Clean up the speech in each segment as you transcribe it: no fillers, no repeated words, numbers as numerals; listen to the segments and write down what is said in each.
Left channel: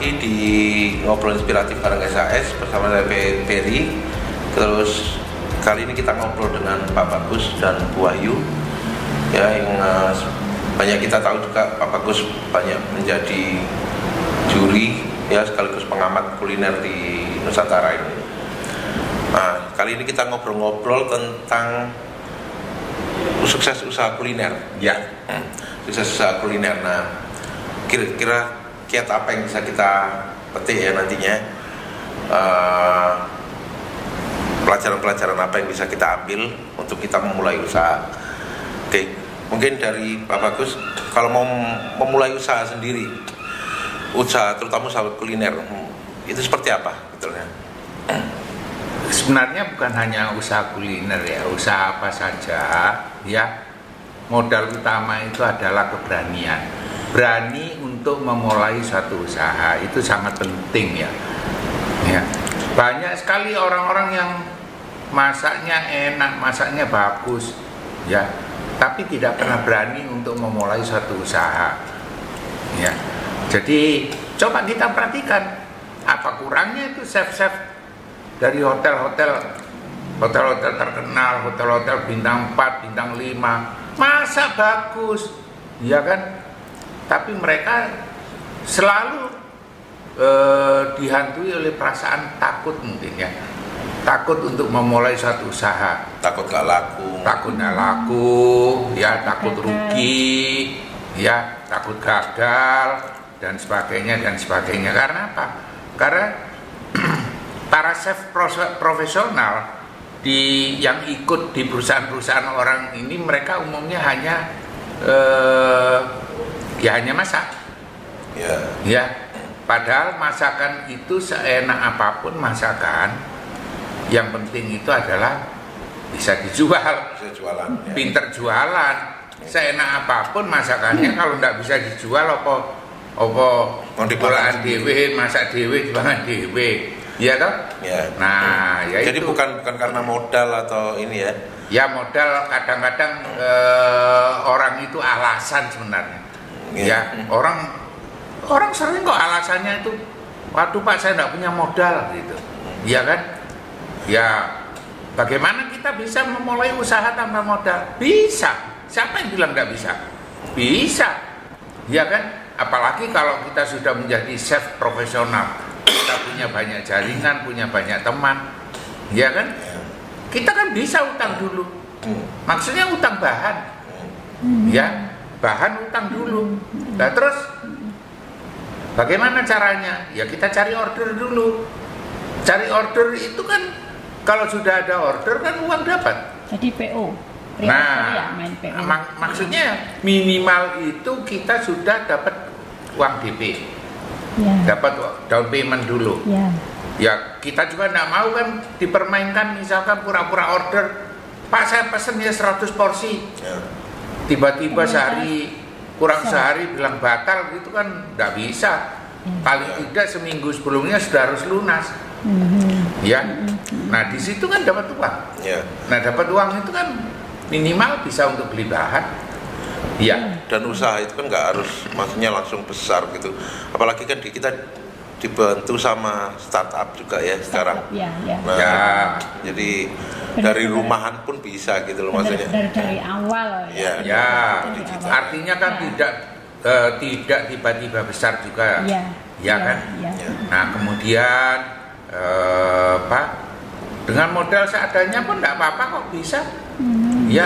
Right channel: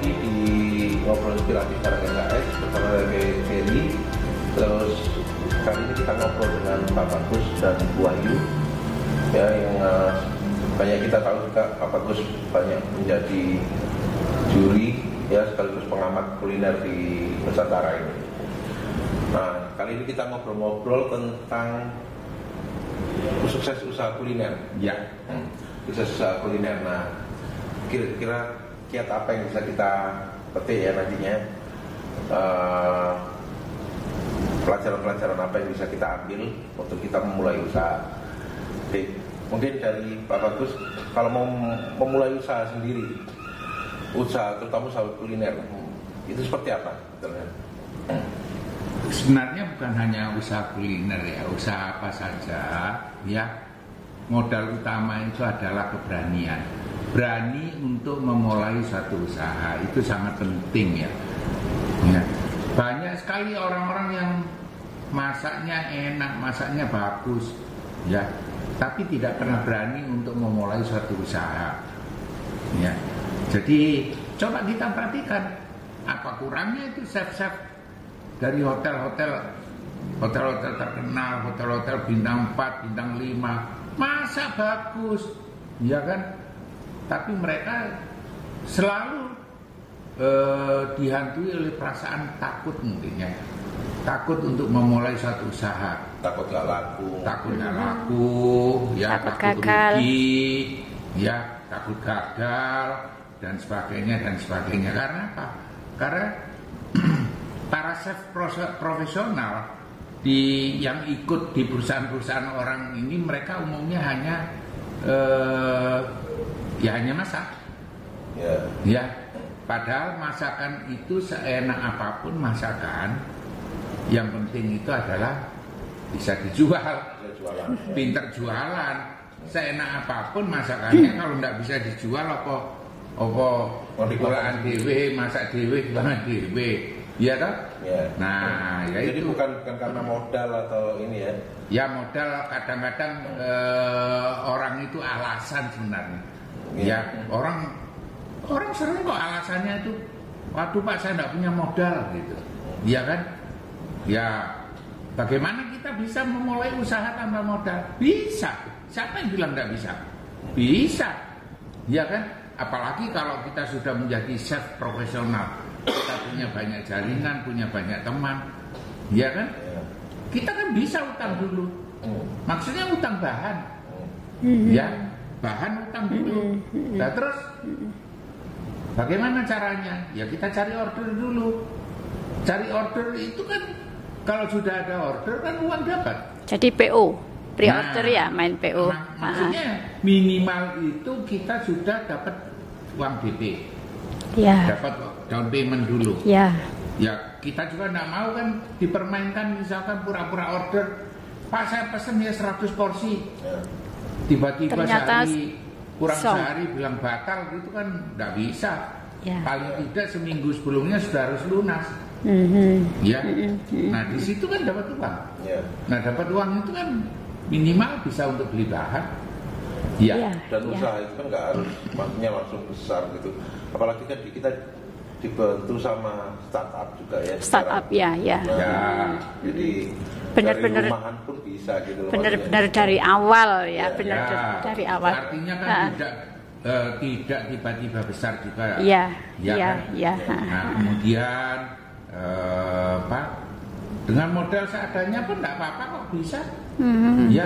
lagi di Ngobrol Inspiratif bareng SAS bersama saya Ferry. Terus kali ini kita ngobrol dengan Pak Bagus dan Bu Wahyu, ya, yang banyak kita tahu juga Pak Bagus banyak menjadi juri, ya, sekaligus pengamat kuliner di Nusantara ini. Nah, kali ini kita ngobrol-ngobrol tentang sukses usaha kuliner, ya, sukses usaha kuliner. Nah, kira-kira kiat apa yang bisa kita petik ya nantinya, pelajaran-pelajaran apa yang bisa kita ambil untuk kita memulai usaha. Oke, mungkin dari Pak Bagus, kalau mau memulai usaha sendiri, usaha terutama usaha kuliner, itu seperti apa betulnya? Sebenarnya bukan hanya usaha kuliner ya, usaha apa saja ya, modal utama itu adalah keberanian. Berani untuk memulai suatu usaha itu sangat penting ya. Ya. Banyak sekali orang-orang yang masaknya enak, masaknya bagus ya, tapi tidak pernah berani untuk memulai suatu usaha. Ya. Jadi coba kita perhatikan apa kurangnya itu chef-chef dari hotel-hotel terkenal, hotel-hotel bintang 4, bintang 5, masak bagus, ya kan? Tapi mereka selalu dihantui oleh perasaan takut mungkin ya. Takut untuk memulai suatu usaha. Takut gak laku. Takut gak laku, ya, takut rugi, ya, takut gagal, dan sebagainya, dan sebagainya. Karena apa? Karena para chef profesional yang ikut di perusahaan-perusahaan orang ini, mereka umumnya hanya hanya masak. Ya, padahal masakan itu seenak apapun masakan, yang penting itu adalah bisa dijual. Bisa jualan. Ya. Pinter jualan. Seenak apapun masakannya, kalau nggak bisa dijual apa diolah dewe, masak dewe, dipangan dewe. Iya toh? Ya. Nah, ya. Jadi itu bukan karena modal atau ini ya. Ya, modal kadang-kadang orang itu alasan sebenarnya. Ya, orang sering kok alasannya itu, waduh Pak, saya nggak punya modal gitu. Iya kan? Ya, bagaimana kita bisa memulai usaha tanpa modal? Bisa. Siapa yang bilang nggak bisa? Bisa. Iya kan? Apalagi kalau kita sudah menjadi chef profesional, kita punya banyak jaringan, punya banyak teman, iya kan? Kita kan bisa utang dulu. Maksudnya utang bahan, ya, bahan utang dulu. Nah, terus bagaimana caranya? Ya, kita cari order dulu. Cari order itu kan, kalau sudah ada order kan uang dapat. Jadi PO, pre-order ya, main PO. Maksudnya minimal itu kita sudah dapat uang DP. Ya. Dapat down payment dulu. Ya. Ya, kita juga tidak mau kan dipermainkan, misalkan pura-pura order, Pak saya pesen ya 100 porsi. Ya. Tiba-tiba sehari, kurang sehari bilang batal, itu kan tidak bisa. Ya. Paling tidak seminggu sebelumnya sudah harus lunas. Ya. Nah, di situ kan dapat uang. Ya. Nah, dapat uang itu kan minimal bisa untuk beli bahan. Ya. Dan usaha itu kan nggak harus maksudnya langsung besar gitu. Apalagi kan kita dibantu sama startup juga ya sekarang. Ya. Nah, ya. Jadi dari rumahan pun bisa gitu loh, maksudnya. Dari awal ya. Ya. Dari awal. Artinya kan tidak tiba-tiba besar juga. Iya. Ya kan? Ya. Nah, kemudian Pak, dengan modal seadanya pun tidak apa-apa kok bisa. Ya.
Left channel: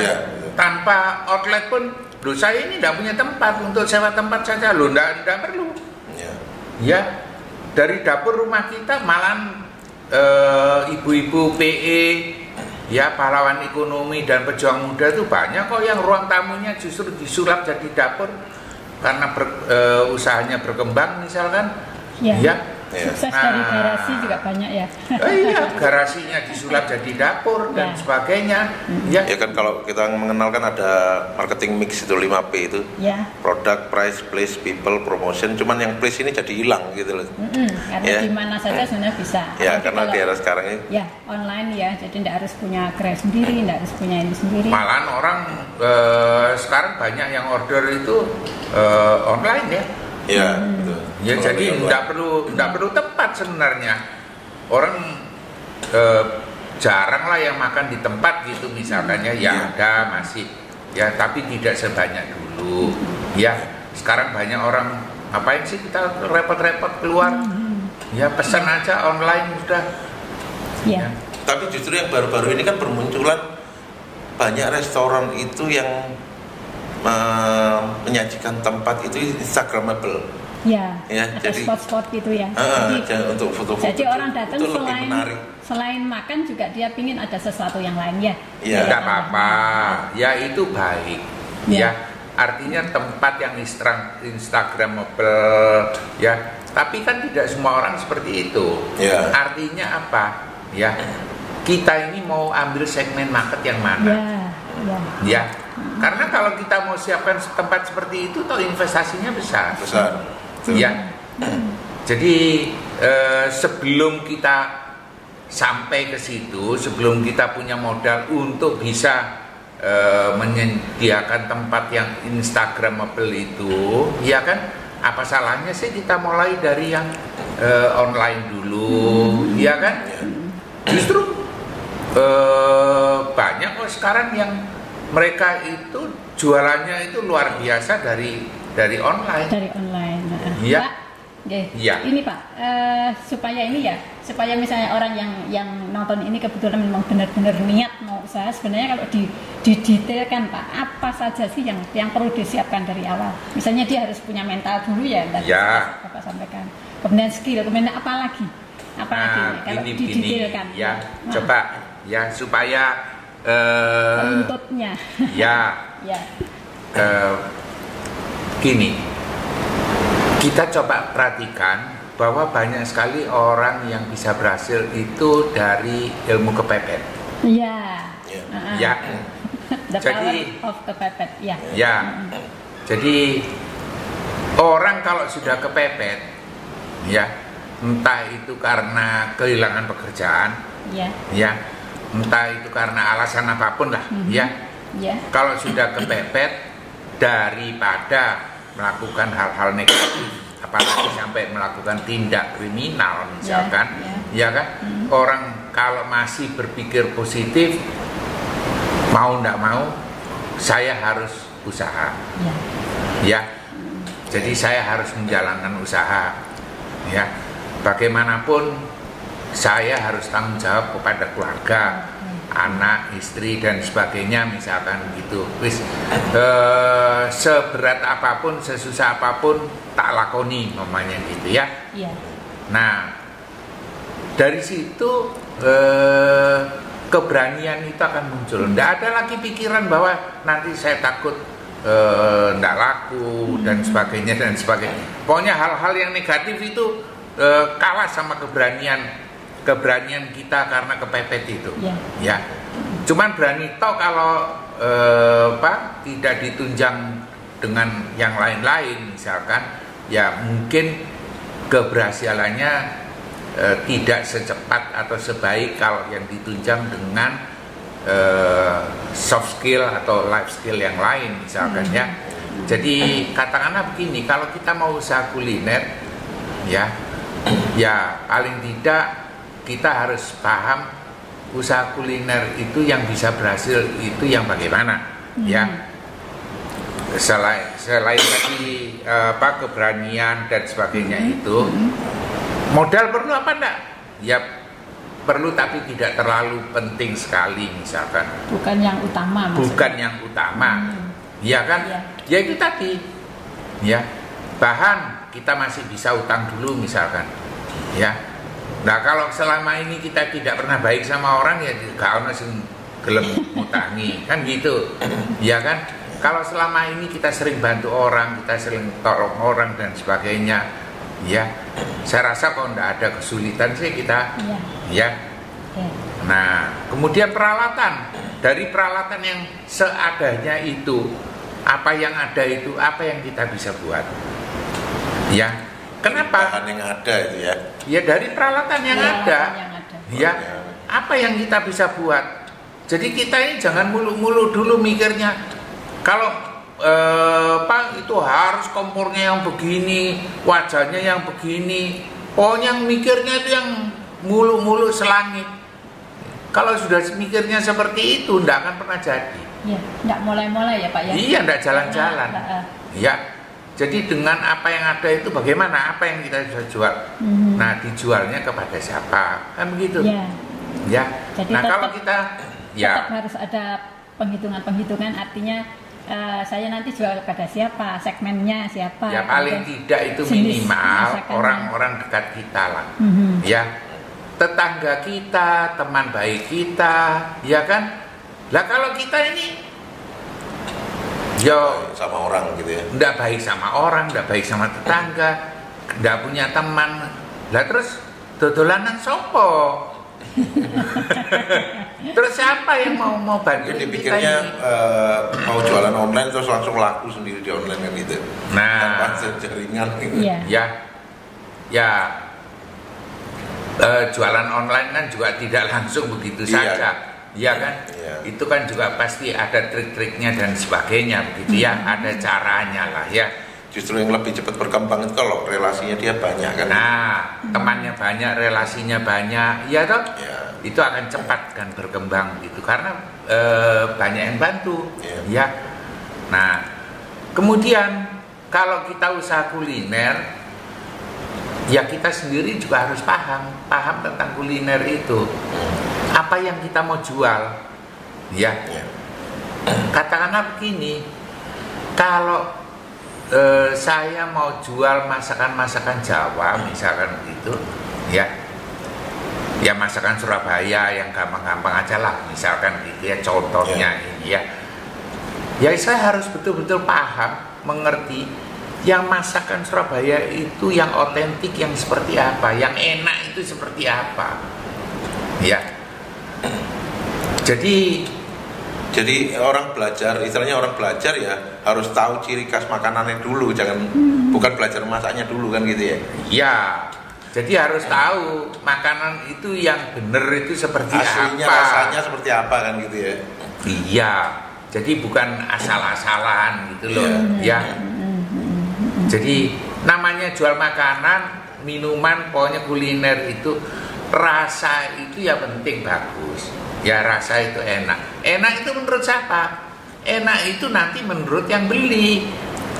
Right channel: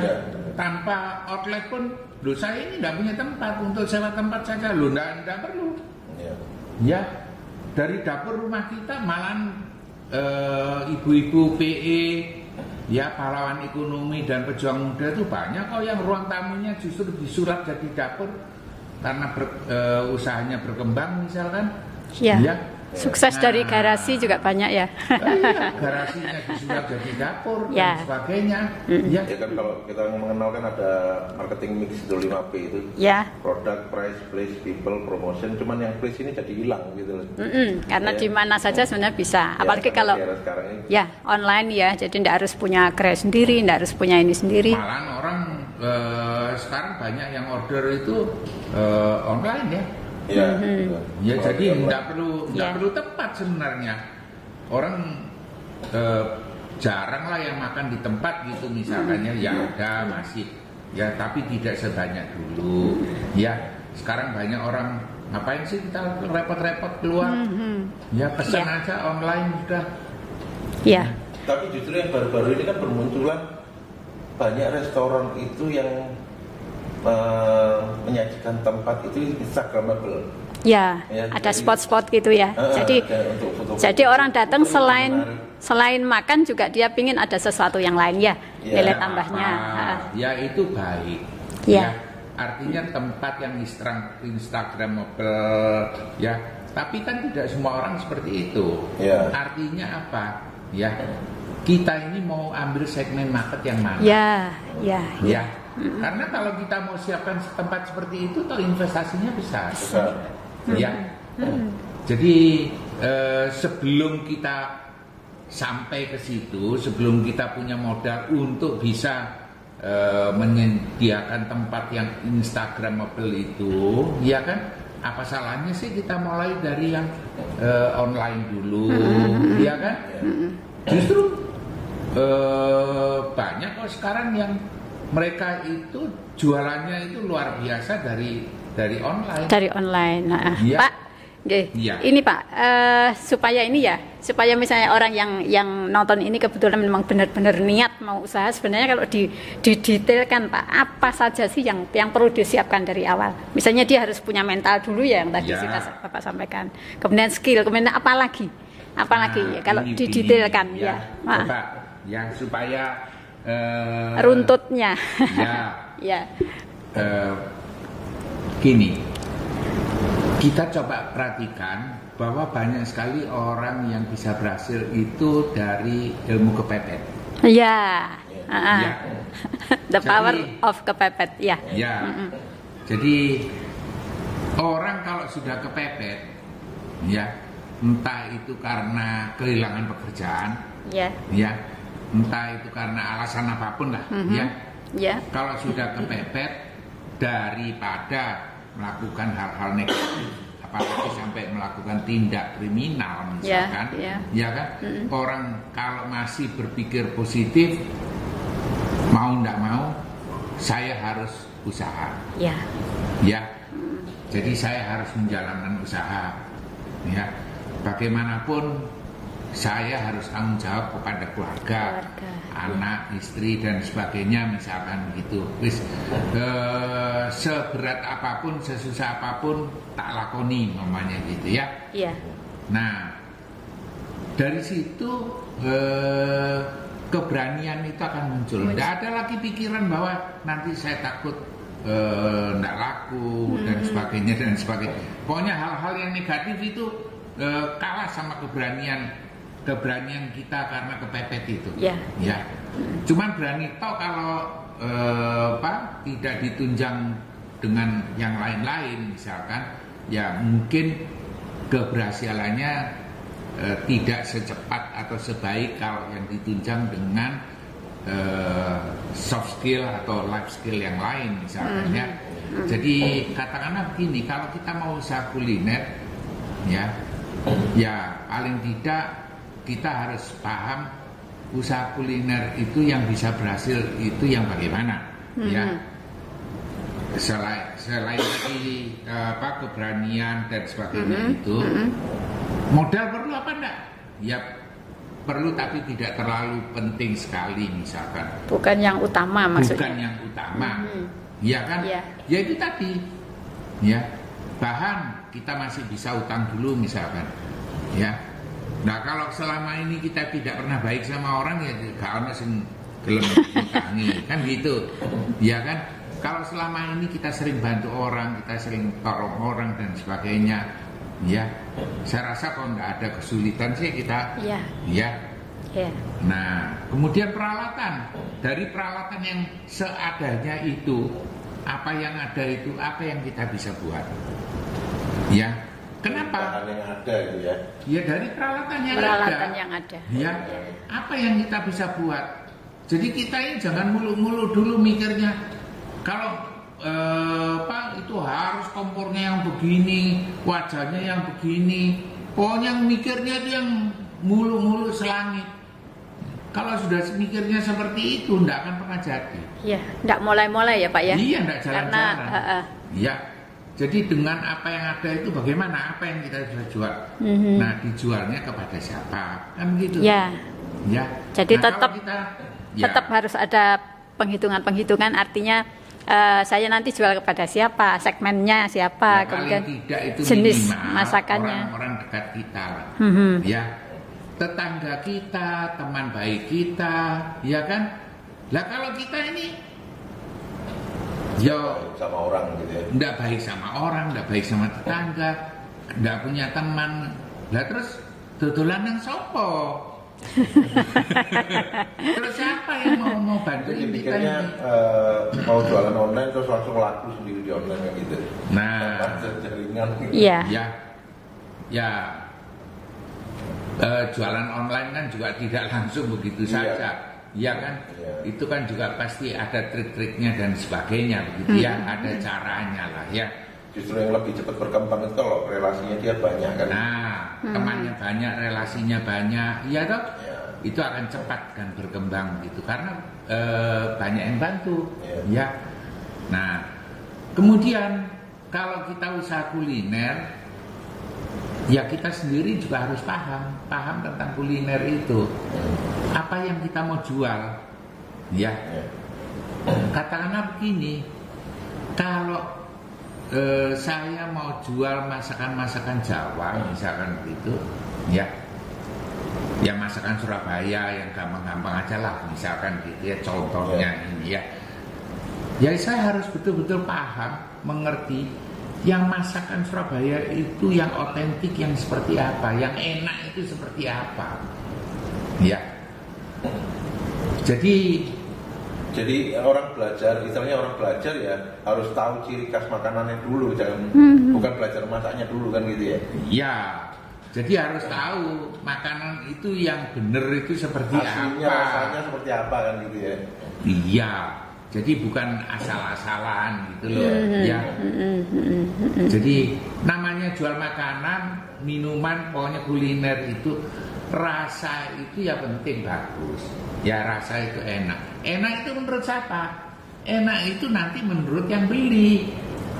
Tanpa outlet pun, loh saya ini tidak punya tempat, untuk sewa tempat saja loh, tidak perlu. Ya. Dari dapur rumah kita malahan ibu-ibu PE, ya, pahlawan ekonomi dan pejuang muda itu banyak kok yang ruang tamunya justru disulap jadi dapur karena usahanya berkembang misalkan. Ya. Sukses dari garasi juga banyak ya. Iya, garasinya disulap jadi dapur dan sebagainya. Ya kan kalau kita mengenal kan ada marketing mix itu 5P itu. Ya. Product, price, place, people, promotion. Cuman yang place ini jadi hilang gitu loh. Karena di mana saja sebenarnya bisa. Ya, apalagi kalau di era sekarang ini. Ya, online ya. Jadi tidak harus punya gerai sendiri, tidak harus punya ini sendiri. Malahan orang sekarang banyak yang order itu online ya. Ya, betul. Ya, jadi nggak perlu tempat sebenarnya. Orang jarang lah yang makan di tempat gitu misalkannya, ya ada masih ya, tapi tidak sebanyak dulu. Ya, sekarang banyak orang ngapain sih kita repot-repot keluar? Ya pesan aja online sudah. Ya. Tapi justru yang baru-baru ini kan bermunculan banyak restoran itu yang menyajikan tempat itu Instagramable. Ya, ada spot-spot gitu ya. Untuk foto-foto. Jadi orang datang selain makan juga dia pingin ada sesuatu yang lain ya. Ya, tidak apa-apa. Ya itu baik. Ya. Artinya tempat yang Instagramable ya. Tapi kan tidak semua orang seperti itu. Ya. Artinya apa? Ya. Kita ini mau ambil segmen market yang mana? Ya. Karena kalau kita mau siapkan tempat seperti itu, toh investasinya besar. Ya. Jadi sebelum kita sampai ke situ, sebelum kita punya modal untuk bisa menyediakan tempat yang Instagramable itu, ya kan? Apa salahnya sih kita mulai dari yang online dulu, ya kan? Justru banyak kok sekarang yang mereka itu jualannya itu luar biasa dari online. Dari online. Ya. Pak, ya. Ini Pak, supaya misalnya orang yang nonton ini kebetulan memang benar-benar niat mau usaha, sebenarnya kalau didetailkan Pak, apa saja sih yang perlu disiapkan dari awal? Misalnya dia harus punya mental dulu ya, tadi Bapak sampaikan. Kemudian skill, kemudian apa lagi? Kalau didetailkan? Ya, coba ya supaya runtutnya. Ya. Gini, kita coba perhatikan bahwa banyak sekali orang yang bisa berhasil itu dari ilmu kepepet. Ya. The Jadi, power of kepepet. Ya. Jadi orang kalau sudah kepepet, ya, entah itu karena kehilangan pekerjaan, ya, entah itu karena alasan apapun lah, ya. Kalau sudah kepepet, daripada melakukan hal-hal negatif, apalagi sampai melakukan tindak kriminal misalkan, ya kan? Orang kalau masih berpikir positif, mau nggak mau, saya harus usaha, ya. Jadi saya harus menjalankan usaha, ya. Bagaimanapun saya harus tanggung jawab kepada keluarga, anak, istri dan sebagainya misalkan gitu. Seberat apapun, sesusah apapun tak lakoni namanya gitu ya. Nah, dari situ keberanian itu akan muncul. Nggak ada lagi pikiran bahwa nanti saya takut nggak laku dan sebagainya. Pokoknya hal-hal yang negatif itu kalah sama keberanian kita karena kepepet itu. Ya. Cuman berani toh kalau tidak ditunjang dengan yang lain-lain misalkan, ya mungkin keberhasilannya tidak secepat atau sebaik kalau yang ditunjang dengan soft skill atau life skill yang lain misalkan ya. Jadi katakanlah begini, kalau kita mau usaha kuliner ya paling tidak kita harus paham usaha kuliner itu yang bisa berhasil itu yang bagaimana ya. Selain tadi keberanian dan sebagainya itu, modal perlu apa enggak? Ya perlu, tapi tidak terlalu penting sekali misalkan. Bukan yang utama maksudnya. Bukan yang utama. Ya kan? Ya itu tadi. Ya. Bahan kita masih bisa utang dulu misalkan. Ya. Nah, kalau selama ini kita tidak pernah baik sama orang, ya gak ono sing gelem ngutangi, kan gitu. Ya kan? Kalau selama ini kita sering bantu orang, kita sering tolong orang dan sebagainya, ya, saya rasa kalau tidak ada kesulitan sih kita, ya. Nah, kemudian peralatan, dari peralatan yang seadanya itu, apa yang ada itu, apa yang kita bisa buat, ya. Kenapa? Bahan yang ada itu ya. Ya dari peralatan yang ada. Ya, apa yang kita bisa buat. Jadi kita ini jangan mulu-mulu dulu mikirnya. Kalau Pak, itu harus kompornya yang begini, wajahnya yang begini. Pokoknya mikirnya itu yang mulu-mulu selangit. Kalau sudah mikirnya seperti itu, tidak akan pernah jadi. Ya, tidak mulai-mulai ya Pak ya. Iya, tidak jalan-jalan. Karena, Ya, jadi dengan apa yang ada itu bagaimana? Apa yang kita bisa jual? Nah, dijualnya kepada siapa? Kan begitu. Ya. Ya. Jadi nah, kalau kita tetap harus ada penghitungan-penghitungan, artinya saya nanti jual kepada siapa, segmennya siapa, ya paling tidak itu jenis minimal masakannya. orang-orang dekat kita lah. Ya, tetangga kita, teman baik kita, ya kan? Lah kalau kita ini sama orang gitu ya. Nggak baik sama orang, nggak baik sama tetangga, nggak punya teman. Lah terus dodolanan sopo? Terus siapa yang mau bantu? Mungkin dipikirnya mau jualan online terus langsung laku sendiri di online kan gitu. Nah, tanpa jaringan gitu. Iya. Ya, jualan online kan juga tidak langsung begitu saja. Iya kan? Iya. Itu kan juga pasti ada trik-triknya dan sebagainya begitu ya, ada caranya lah ya. Justru yang lebih cepat berkembang itu kalau relasinya dia banyak kan. Nah, temannya banyak, relasinya banyak, ya toh? Ya. Itu akan cepat kan berkembang gitu karena banyak yang bantu, Ya. ya. Nah, kemudian kalau kita usaha kuliner, ya kita sendiri juga harus paham tentang kuliner itu. Apa yang kita mau jual, ya. Katakanlah begini, kalau saya mau jual masakan-masakan Jawa misalkan itu, ya masakan Surabaya yang gampang-gampang aja lah misalkan gitu ya, contohnya ini ya saya harus betul-betul paham, mengerti yang masakan Surabaya itu yang otentik yang seperti apa, yang enak itu seperti apa, ya. Jadi orang belajar, istilahnya orang belajar ya harus tahu ciri khas makanannya dulu, jangan bukan belajar masaknya dulu kan gitu ya. Ya, jadi harus tahu makanan itu yang benar itu seperti aslinya, apa. rasanya seperti apa kan gitu ya. Iya, jadi bukan asal-asalan gitu loh. Ya. Jadi namanya jual makanan, minuman, pokoknya kuliner itu rasa itu ya penting, bagus. Ya rasa itu enak. Enak itu menurut siapa? Enak itu nanti menurut yang beli.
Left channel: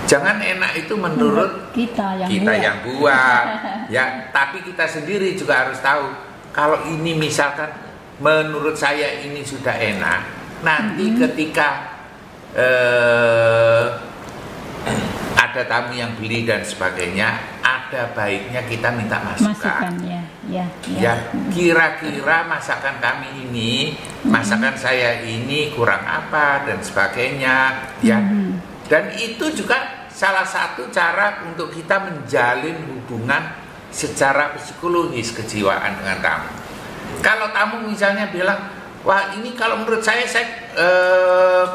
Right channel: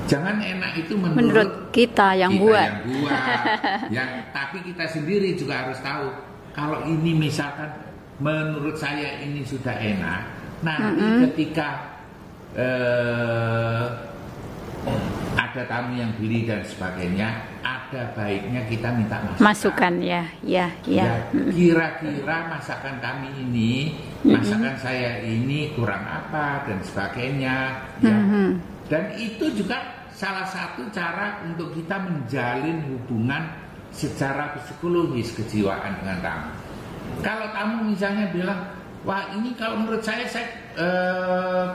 Jangan enak itu menurut kita yang buat. Ya, tapi kita sendiri juga harus tahu. Kalau ini misalkan menurut saya ini sudah enak, nanti ketika ada tamu yang beli dan sebagainya, ada baiknya kita minta masukan. Ya, kira-kira masakan kami ini, masakan saya ini kurang apa dan sebagainya, ya. Dan itu juga salah satu cara untuk kita menjalin hubungan secara psikologis kejiwaan dengan tamu. Kalau tamu misalnya bilang, wah ini kalau menurut saya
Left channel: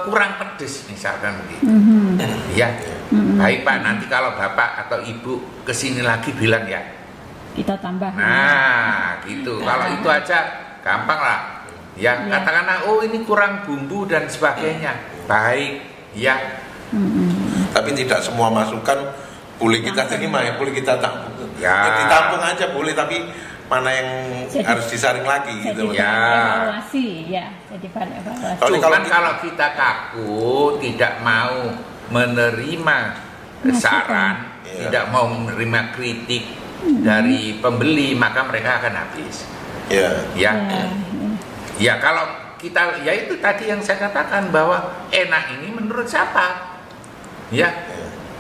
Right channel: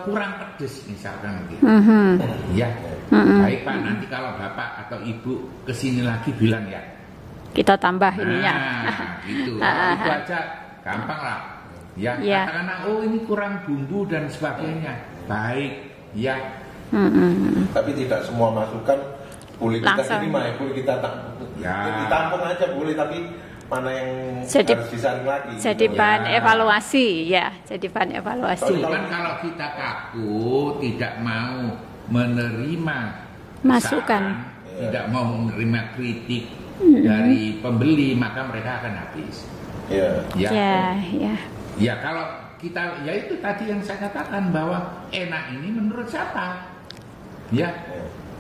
kurang pedes misalkan gitu. Ya, baik Pak, nanti kalau Bapak atau Ibu kesini lagi bilang ya, kita tambahin. Nah, gitu. Kalau itu aja gampang lah. Ya, katakanlah oh ini kurang bumbu dan sebagainya. Baik, ya. Tapi tidak semua masukan boleh kita terima ya, boleh kita tampung. Ya, ditampung aja boleh, tapi mana yang harus disaring lagi jadi gitu. Bahan evaluasi ya, jadi bahan evaluasi. Cuman kalau kita kaku, tidak mau menerima saran, tidak mau menerima kritik dari pembeli, maka mereka akan habis. Ya, kalau kita, ya itu tadi yang saya katakan bahwa enak ini menurut siapa? Ya,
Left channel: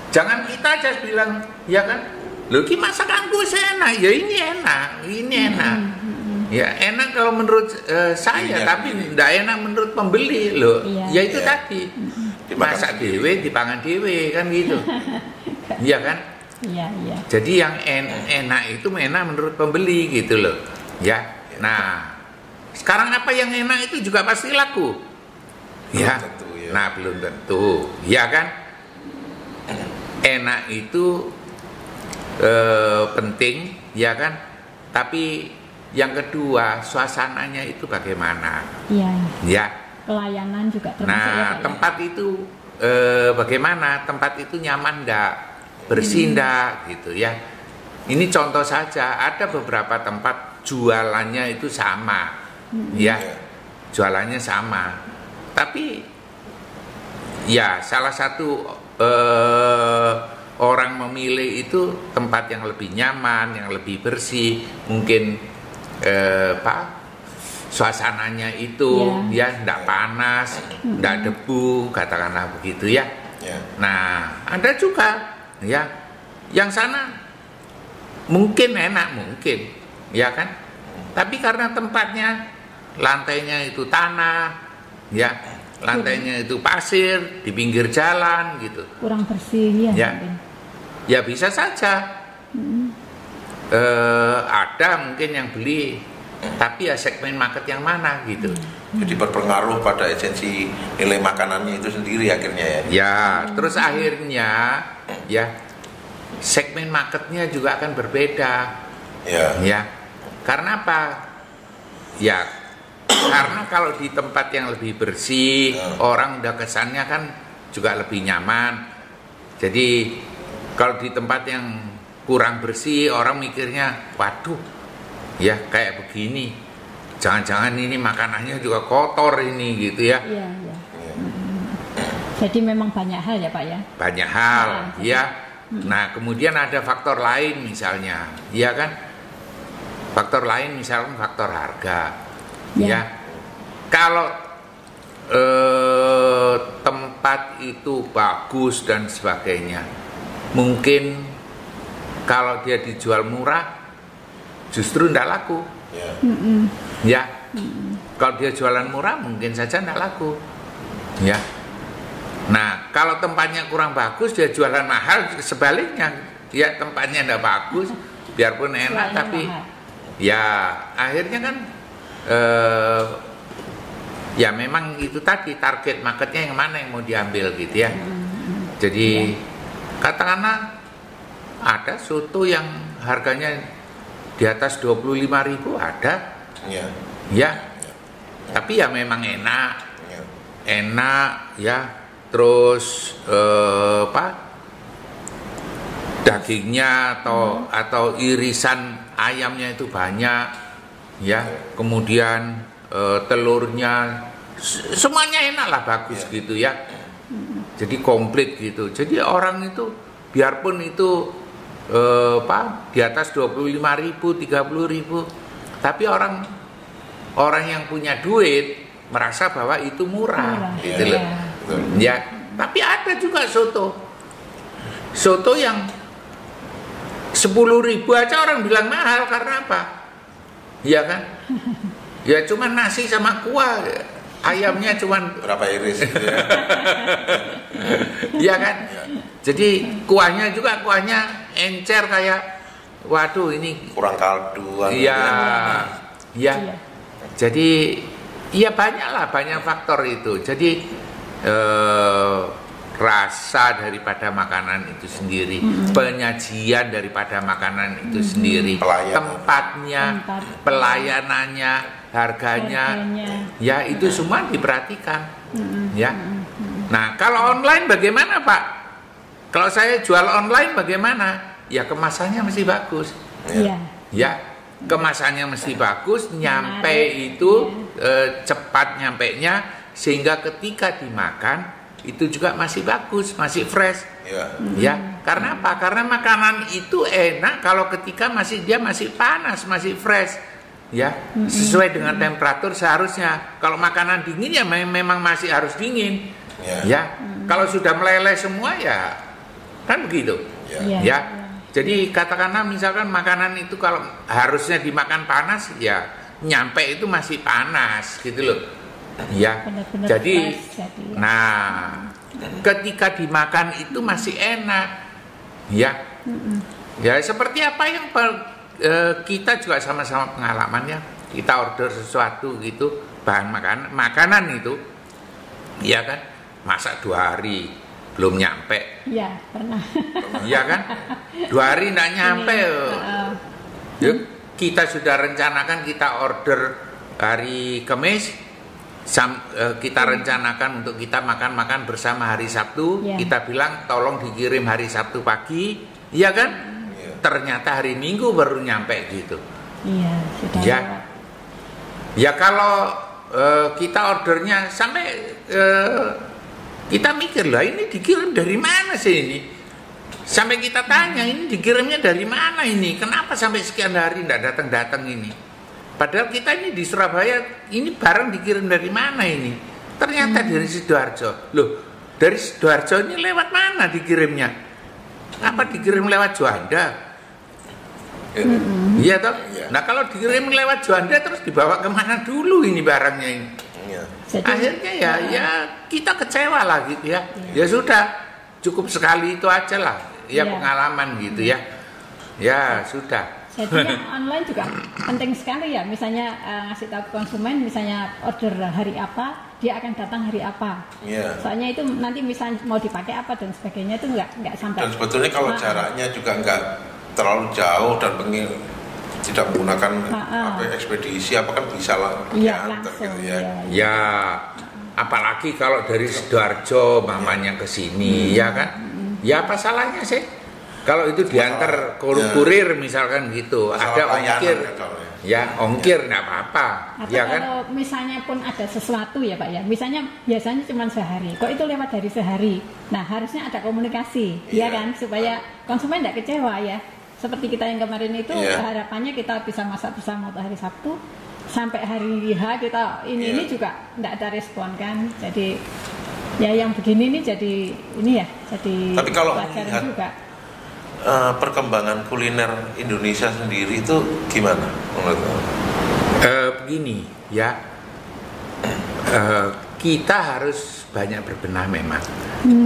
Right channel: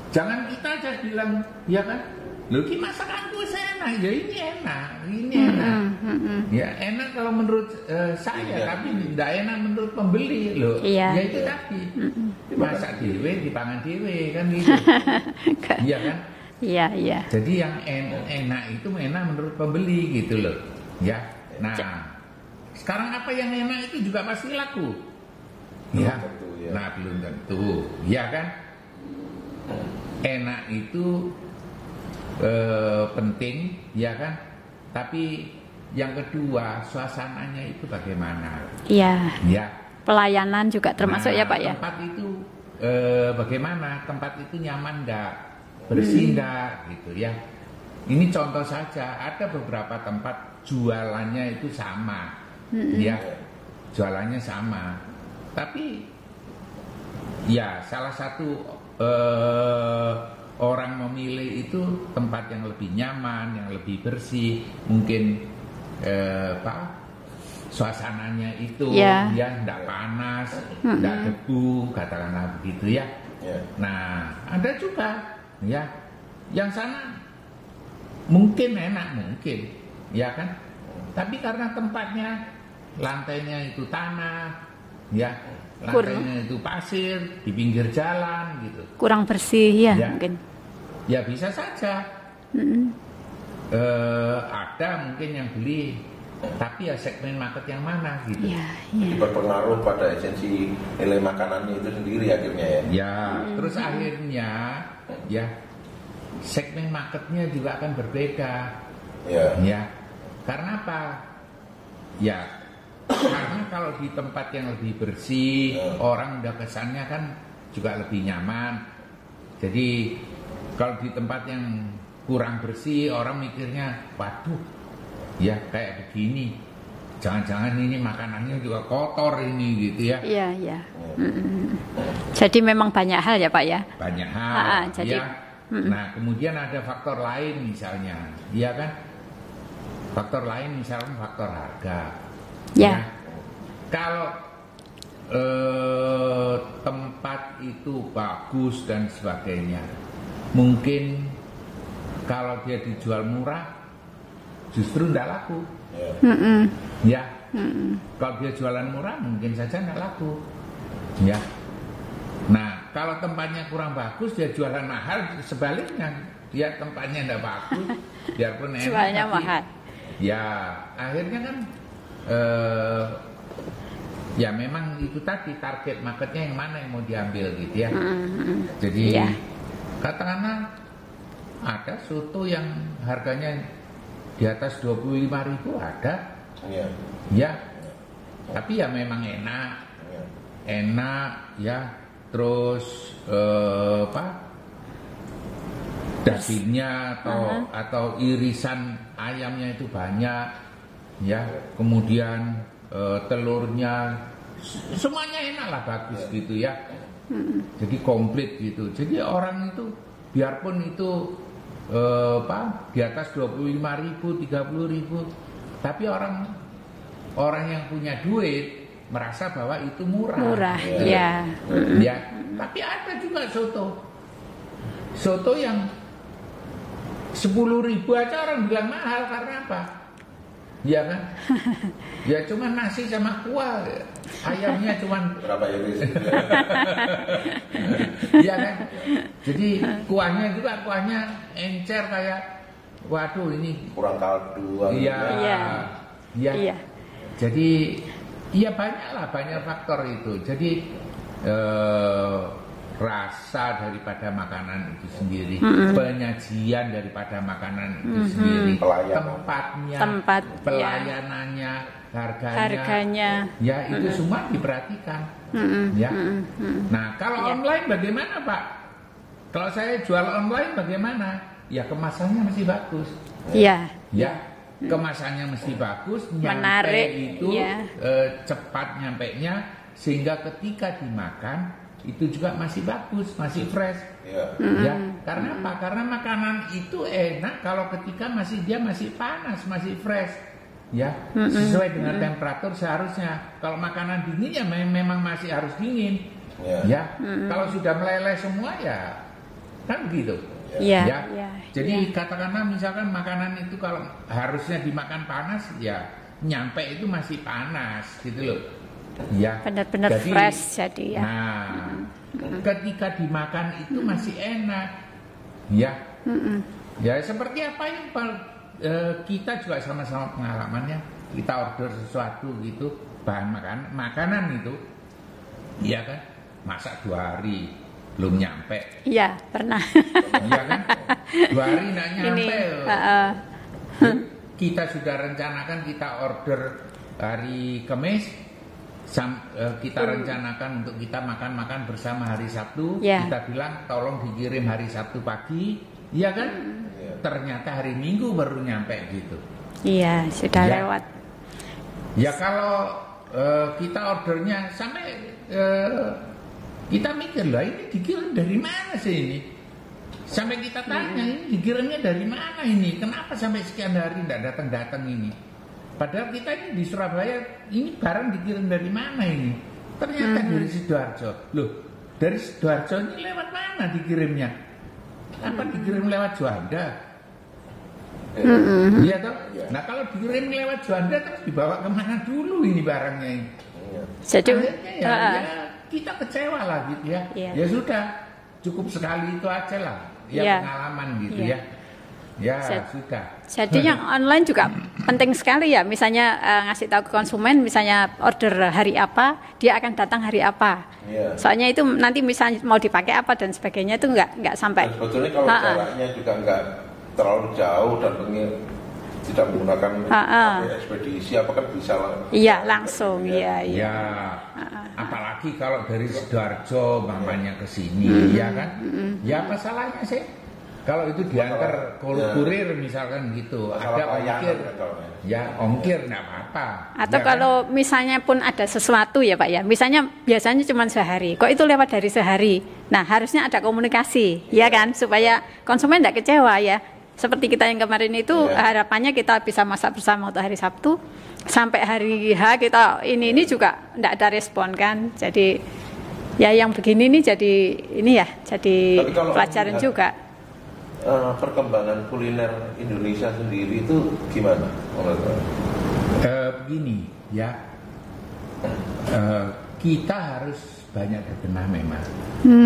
jangan kita aja bilang, ya kan? Loh, ki masakanku enak, ya ini enak. Ya enak kalau menurut saya, tapi tidak enak menurut pembeli loh. Ya itu tadi. Masak dewe, dipangan dewe kan gitu. Iya kan? Iya. Jadi yang enak itu enak menurut pembeli gitu loh. Ya. Nah, sekarang apa yang enak itu juga pasti laku. Ya. Nah, belum tentu. Ya kan? Enak itu penting, ya kan? Tapi yang kedua, suasananya itu bagaimana? Iya. Ya. Pelayanan juga termasuk ya Pak ya. Tempat itu bagaimana tempat itu nyaman enggak, bersih enggak gitu ya. Ini contoh saja, ada beberapa tempat jualannya itu sama, ya, jualannya sama. Tapi ya salah satu orang memilih itu tempat yang lebih nyaman, yang lebih bersih, mungkin suasananya itu ya enggak panas, enggak debu, katakanlah begitu ya. Nah, ada juga ya yang sana mungkin enak, mungkin ya kan, tapi karena tempatnya lantainya itu tanah ya, lantainya itu pasir di pinggir jalan gitu, kurang bersih ya, mungkin ya bisa saja. Ada mungkin yang beli, tapi ya segmen market yang mana gitu. Jadi berpengaruh pada esensi nilai makanannya itu sendiri akhirnya ya. Terus akhirnya ya segmen marketnya juga akan berbeda. Ya. Karena apa? Ya karena kalau di tempat yang lebih bersih, orang udah kesannya kan juga lebih nyaman. Jadi kalau di tempat yang kurang bersih, orang mikirnya, waduh, ya kayak begini, jangan-jangan ini makanannya juga kotor ini gitu ya. Iya. Jadi memang banyak hal ya Pak ya. Banyak hal, ya. Nah kemudian ada faktor lain misalnya, ya kan? Faktor lain misalnya faktor harga, ya. Kalau tempat itu bagus dan sebagainya, mungkin kalau dia dijual murah, justru tidak laku. Ya. Kalau dia jualan murah, mungkin saja tidak laku. Ya. Nah, kalau tempatnya kurang bagus, dia jualan mahal. Sebaliknya, ya tempatnya tidak bagus, biarpun enak, jualnya tapi mahal. Ya akhirnya kan ya memang itu tadi target marketnya yang mana yang mau diambil gitu ya. Jadi katakanlah ada soto yang harganya di atas 25.000 ada, ya. Tapi ya memang enak, ya. Terus dagingnya atau irisan ayamnya itu banyak, ya. Kemudian telurnya semuanya enak lah, bagus gitu ya. Jadi komplit gitu. Jadi orang itu biarpun itu di atas 25.000, 30.000, tapi orang yang punya duit merasa bahwa itu murah gitu ya. Tapi ada juga soto yang 10.000 aja orang bilang mahal, karena apa? Ya kan? Ya cuman nasi sama kuah, ayamnya cuman berapa iris gitu ya. Ya kan? Jadi kuahnya encer kayak, waduh ini kurang kaldu. Iya. Jadi ya banyak faktor itu. Jadi rasa daripada makanan itu sendiri, penyajian daripada makanan itu sendiri, tempatnya, pelayanannya, harganya, ya itu semua diperhatikan, ya. Nah kalau online bagaimana Pak? Kalau saya jual online bagaimana? Ya kemasannya mesti bagus, ya, kemasannya mesti bagus, nyampe itu cepat nyampenya, sehingga ketika dimakan itu juga masih bagus, masih fresh, ya. Karena apa? Karena makanan itu enak kalau ketika dia masih panas, masih fresh, ya, sesuai dengan temperatur seharusnya. Kalau makanan dingin ya memang masih harus dingin, ya. Kalau sudah meleleh semua ya kan begitu, ya. Jadi katakanlah misalkan makanan itu kalau harusnya dimakan panas, ya nyampe itu masih panas gitu loh. Ya, benar-benar fresh jadi ya. Nah, ketika dimakan itu masih enak, ya. Ya seperti apa yang kita juga sama-sama pengalamannya. Kita order sesuatu gitu, bahan makanan itu, ya kan, masak 2 hari belum nyampe. Iya, pernah. Iya kan, 2 hari nggak nyampe. Kita sudah rencanakan kita order hari Kamis. kita rencanakan untuk kita makan bersama hari Sabtu, Ya. kita bilang tolong dikirim hari Sabtu pagi, iya kan? Ternyata hari Minggu baru nyampe gitu. Iya, sudah Ya. lewat. Ya kalau kita ordernya sampai kita mikir lah ini dikirim dari mana sih ini? Sampai kita tanya ini dikirimnya dari mana ini? Kenapa sampai sekian hari tidak datang ini? Padahal kita ini di Surabaya ini barang dikirim dari mana ini? Ternyata dari Sidoarjo. Loh, dari Sidoarjo ini lewat mana dikirimnya? Apa dikirim lewat Juanda? Iya toh. Nah kalau dikirim lewat Juanda terus dibawa kemana dulu ini barangnya ini? Jadi Akhirnya ya kita kecewa lah gitu ya. Iya. Ya sudah cukup sekali itu aja lah. Ya Iya. pengalaman gitu Iya. ya. Ya sudah. Jadi yang online juga penting sekali ya. Misalnya ngasih tahu ke konsumen, misalnya order hari apa, dia akan datang hari apa. Iya. Soalnya itu nanti misalnya mau dipakai apa dan sebagainya itu nggak sampai. Dan sebetulnya kalau jaraknya juga nggak terlalu jauh dan tidak menggunakan ekspedisi apa kan bisa lah. Iya diantar langsung. gitu ya. Iya. Ya, apalagi kalau dari Sidoarjo mamanya ke sini, ya kan? Ya apa salahnya sih? Kalau itu diantar kurir misalkan gitu, Masalah ada pelayanan ongkir, kan soalnya. ya ongkir nggak apa-apa. Atau ya kan? kalau misalnya pun ada sesuatu ya Pak ya, misalnya biasanya cuma sehari, kok itu lewat dari sehari. Nah harusnya ada komunikasi, ya kan, supaya konsumen tidak kecewa ya. Seperti kita yang kemarin itu harapannya kita bisa masak bersama untuk hari Sabtu, sampai hari H kita ini juga tidak ada respon kan. Jadi ya yang begini nih jadi ini ya, jadi Tapi kalau pelajaran melihat juga. Perkembangan kuliner Indonesia sendiri itu gimana menurut kamu? Begini ya, kita harus banyak berbenah memang.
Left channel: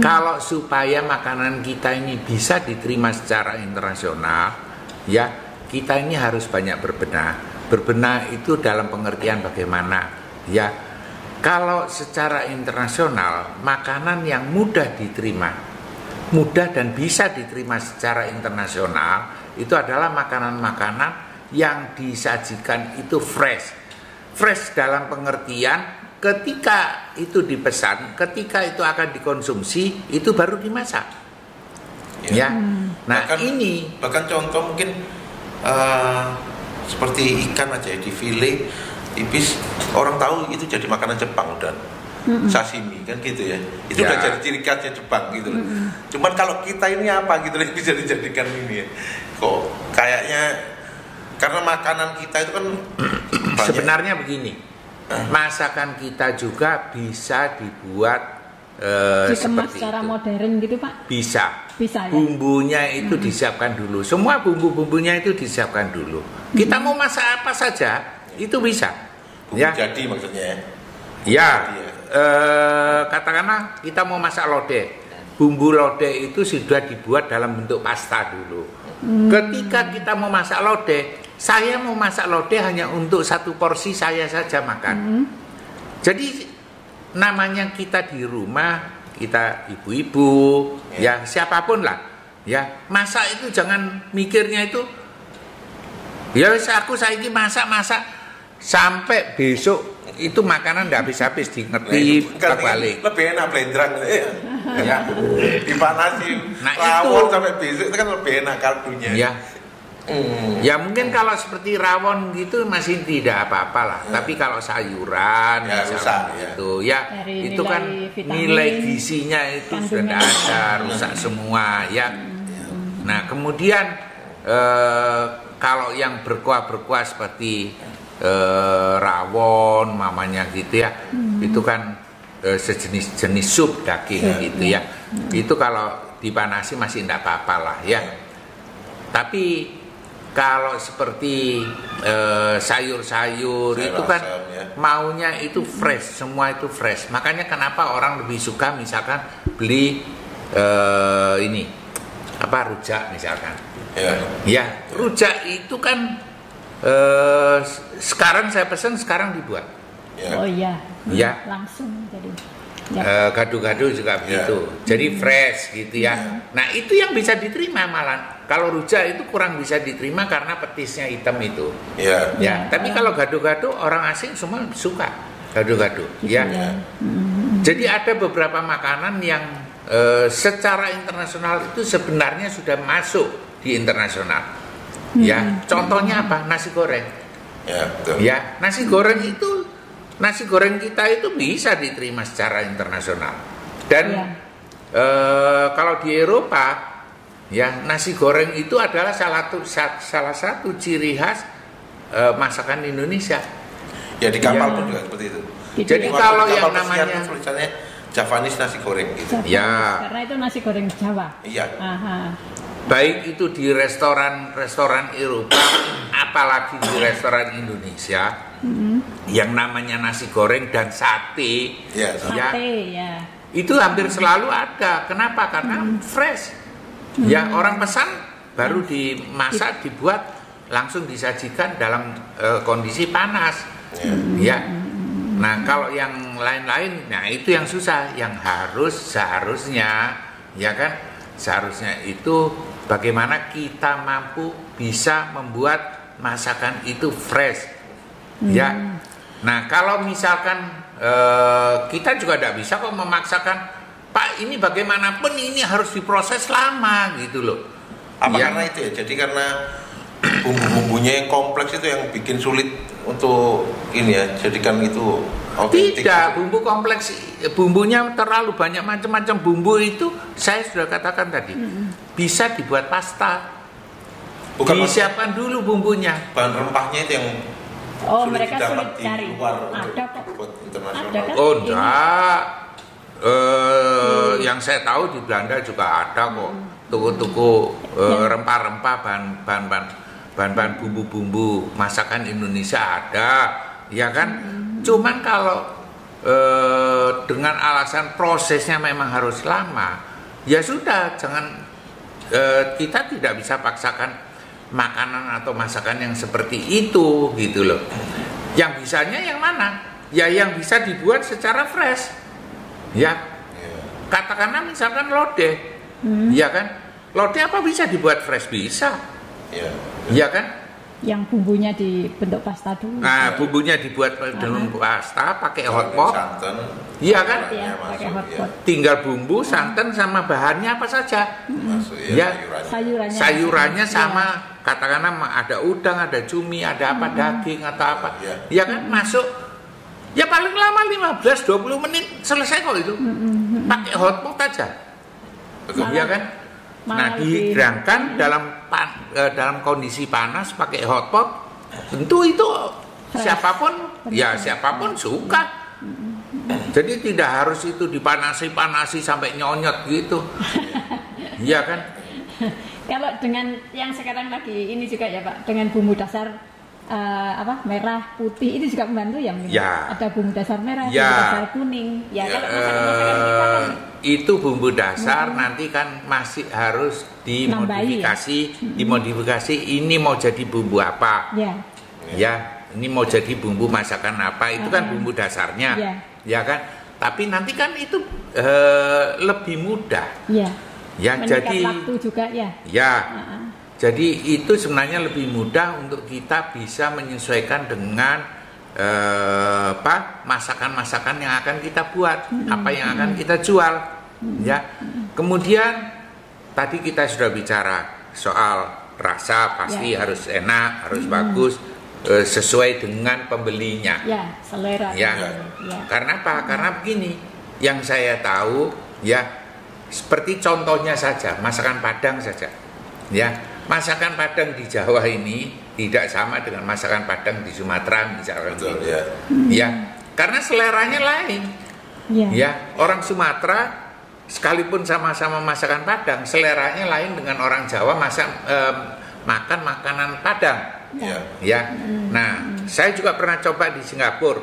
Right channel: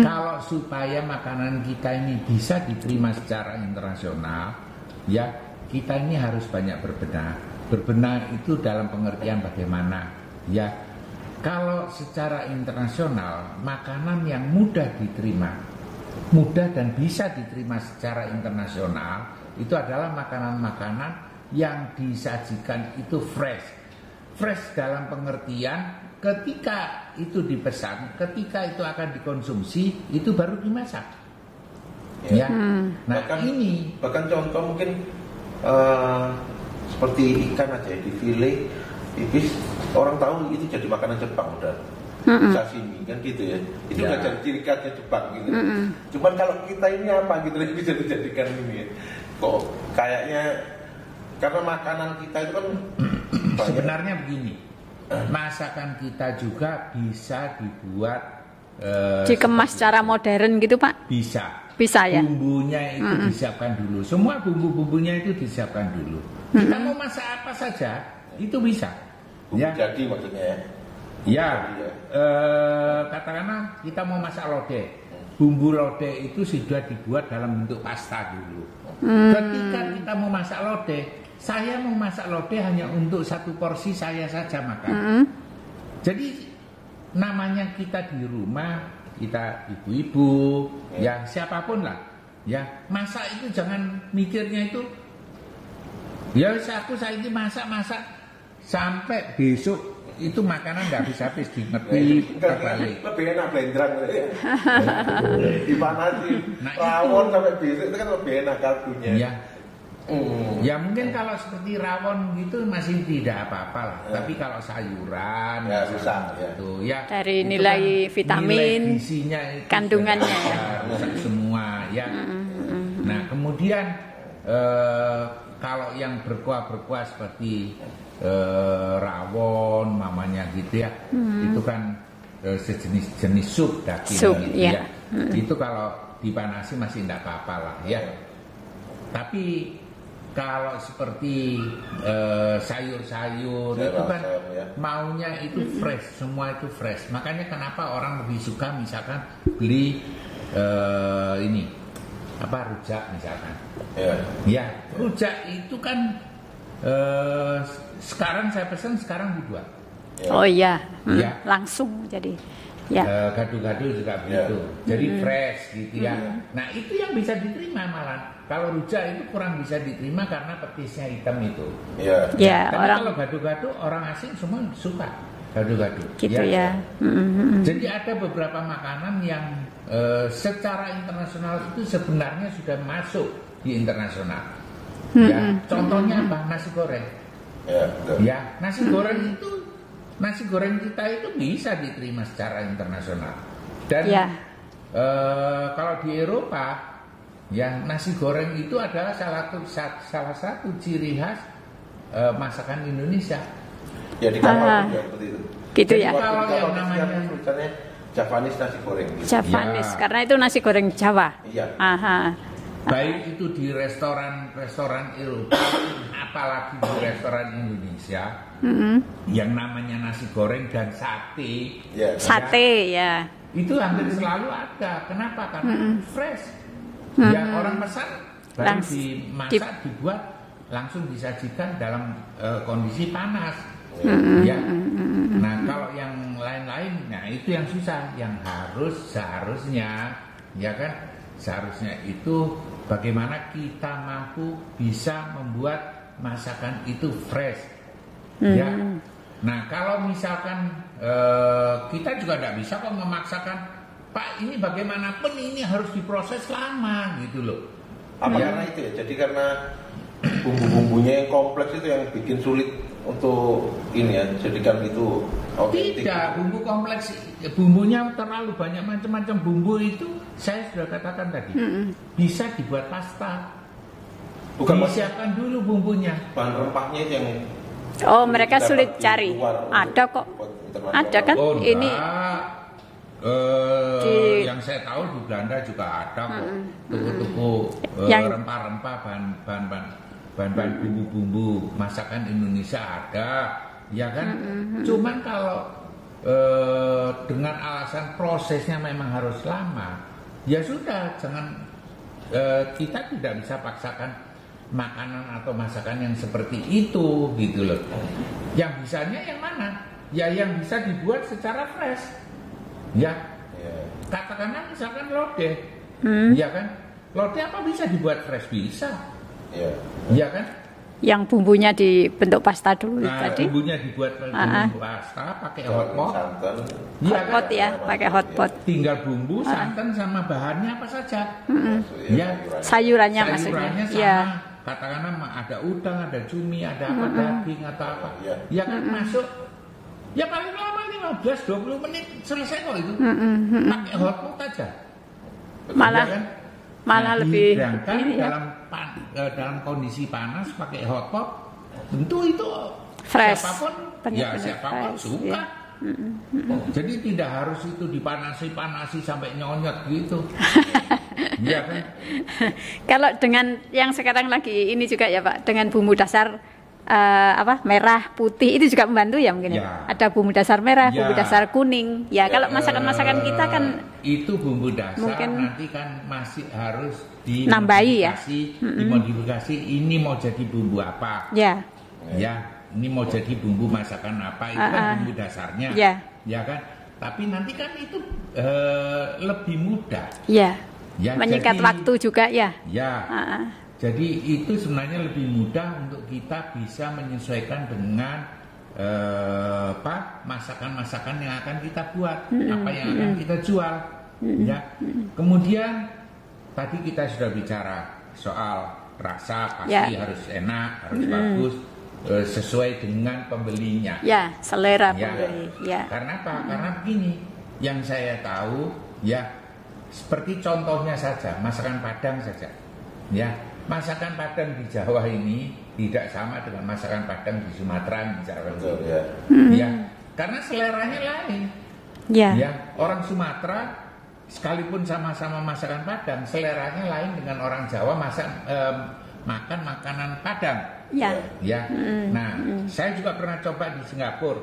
Kalau supaya makanan kita ini bisa diterima secara internasional, ya kita ini harus banyak berbenah. Berbenah itu dalam pengertian bagaimana, ya. Kalau secara internasional makanan yang mudah diterima, mudah dan bisa diterima secara internasional itu adalah makanan-makanan yang disajikan itu fresh. Fresh dalam pengertian ketika itu dipesan, ketika itu akan dikonsumsi itu baru dimasak. Ya. Nah, bahkan contoh mungkin seperti ikan aja ya, di file tipis, orang tahu itu jadi makanan Jepang udah. Sashimi kan gitu ya, itu udah jadi ciri khasnya Jepang gitu. Cuman kalau kita ini apa gitu yang bisa dijadikan ini ya, kok kayaknya karena makanan kita itu kan sebenarnya begini, masakan kita juga bisa dibuat dikemas secara modern gitu Pak? Bisa ya. Bumbunya itu disiapkan dulu, semua bumbu-bumbunya itu disiapkan dulu. Kita mau masak apa saja itu bisa. Ya. Jadi maksudnya. Ya, katakanlah kita mau masak lodeh, bumbu lodeh itu sudah dibuat dalam bentuk pasta dulu. Ketika kita mau masak lodeh, saya mau masak lodeh hanya untuk satu porsi saya saja makan. Jadi namanya kita di rumah, kita ibu-ibu, ya siapapun lah, ya masak itu jangan mikirnya itu, ya saya ini masak sampai besok. Itu makanan nggak habis-habis ngerti balik. Lebih enak blendrang dipanasi rawon sampai besok itu kan lebih enak kaldunya. Ya. Ya mungkin kalau seperti rawon gitu masih tidak apa-apa lah. Tapi kalau sayuran ya, rusak, gitu ya dari itu nilai kan vitamin, nilai gizinya itu kandungan sudah ada, rusak semua ya. Nah kemudian kalau yang berkuah-berkuah seperti rawon mamanya gitu ya, itu kan sejenis sup daging gitu ya. Itu kalau dipanasi masih tidak apa-apa lah ya. Tapi kalau seperti sayur-sayur itu kan maunya itu fresh, semua itu fresh. Makanya kenapa orang lebih suka misalkan beli ini apa rujak misalkan. Ya rujak itu kan sekarang saya pesan sekarang dibuat. Oh iya, ya langsung jadi. Ya. Gado-gado juga begitu, jadi fresh gitu ya. Nah itu yang bisa diterima malah. Kalau rujak itu kurang bisa diterima karena petisnya hitam itu. Ya. Tapi kalau gado-gado orang asing semua suka. Gado-gado. Gitu ya. Jadi ada beberapa makanan yang secara internasional itu sebenarnya sudah masuk di internasional. Ya, contohnya apa? Nasi goreng. Ya, betul. Ya, nasi goreng itu, nasi goreng kita itu bisa diterima secara internasional. Dan Ya. kalau di Eropa, ya nasi goreng itu adalah salah satu ciri khas masakan Indonesia. Ya di kapal Ya. pun juga seperti itu. Gitu Jadi ya. Waktu kalau di yang kapal pesiar namanya pun tulisannya Javanese nasi goreng gitu. Javanese, Ya. karena itu nasi goreng Jawa. Iya. Aha. baik itu di restoran Eropa, apalagi di restoran Indonesia, yang namanya nasi goreng dan sate, Ya. Sate ya. itu hampir selalu ada. Kenapa? Karena fresh. Ya, orang pesan baru dimasak, dibuat, langsung disajikan dalam kondisi panas. Ya. Nah, kalau yang lain-lain, nah itu yang susah, yang seharusnya, ya kan? Seharusnya itu bagaimana kita mampu bisa membuat masakan itu fresh. Ya. Nah, kalau misalkan kita juga tidak bisa kok memaksakan, Pak, ini bagaimanapun ini harus diproses lama gitu loh. Apa Ya. karena itu ya? Jadi karena bumbu-bumbunya yang kompleks itu yang bikin sulit untuk ini ya, jadikan itu otentik. Tidak, bumbu kompleks, bumbunya terlalu banyak, macam-macam bumbu itu saya sudah katakan tadi. Bisa dibuat pasta. Bukan Disiapkan dulu bumbunya. bahan rempahnya itu yang Oh, sulit mereka didapat sulit di cari. luar Ada untuk kok. dibuat internasional. Ada kan? Oh, Ini. enggak. Yang saya tahu di Belanda juga ada kok toko-toko Yang- rempah-rempah, bahan-bahan bumbu-bumbu masakan Indonesia ada, ya kan? Cuman kalau dengan alasan prosesnya memang harus lama, ya sudah, jangan, kita tidak bisa paksakan makanan atau masakan yang seperti itu gitu loh. Yang bisanya yang mana? Ya yang bisa dibuat secara fresh. Ya, Ya. katakanlah misalkan lodeh, ya kan? Lodeh apa bisa dibuat fresh? Bisa, Ya. ya kan? Yang bumbunya dibentuk pasta dulu. Nah, tadi. bumbunya dibuat dengan pasta, pakai hotpot, Santan. iya Hotpot kan? ya, Ya, pakai masuk, hotpot. Tinggal bumbu, santan sama bahannya apa saja. Masuk, Ya. Sayurannya. Sayurannya maksudnya. sama, katakanlah ada udang, ada cumi, ada apa, daging atau apa, Ya. ya kan? Masuk. Ya paling lama 15-20 menit selesai kok itu. Pakai hotpot aja. Malah- Ya kan? malah Nah, lebih- dihidangkan dalam kondisi panas pakai hotpot, tentu itu Fresh. siapapun ya Benar-benar siapapun fresh, suka. Jadi tidak harus itu dipanasi sampai nyonyot gitu. Iya kan? Kalau dengan yang sekarang lagi ini juga ya Pak, dengan bumbu dasar merah, putih itu juga membantu ya mungkin. Ya. Ada bumbu dasar merah, Ya. bumbu dasar kuning. Ya, kalau masakan-masakan kita kan Itu bumbu dasar mungkin nanti kan masih harus nambahi ya? dimodifikasi. Ini mau jadi bumbu apa? ya, Ya, ini mau jadi bumbu masakan apa? Itu kan bumbu dasarnya. Ya. Ya kan? Tapi nanti kan itu lebih mudah. ya. Ya, Menyikat jadi waktu juga ya. ya. Ah, ah. Jadi itu sebenarnya lebih mudah untuk kita bisa menyesuaikan dengan masakan-masakan yang akan kita buat, apa yang akan kita jual, ya. Kemudian tadi kita sudah bicara soal rasa, pasti Ya. harus enak, harus bagus, sesuai dengan pembelinya. Ya, selera Ya. pembeli. Ya. Karena apa? Karena begini, yang saya tahu ya, seperti contohnya saja, masakan Padang saja. Ya, masakan Padang di Jawa ini tidak sama dengan masakan Padang di Sumatera misalkan. Betul, gitu. ya. Ya, karena seleranya lain. Ya. Ya, orang Sumatera sekalipun sama-sama masakan Padang, seleranya lain dengan orang Jawa makan makanan Padang. Ya. Ya, nah saya juga pernah coba di Singapura,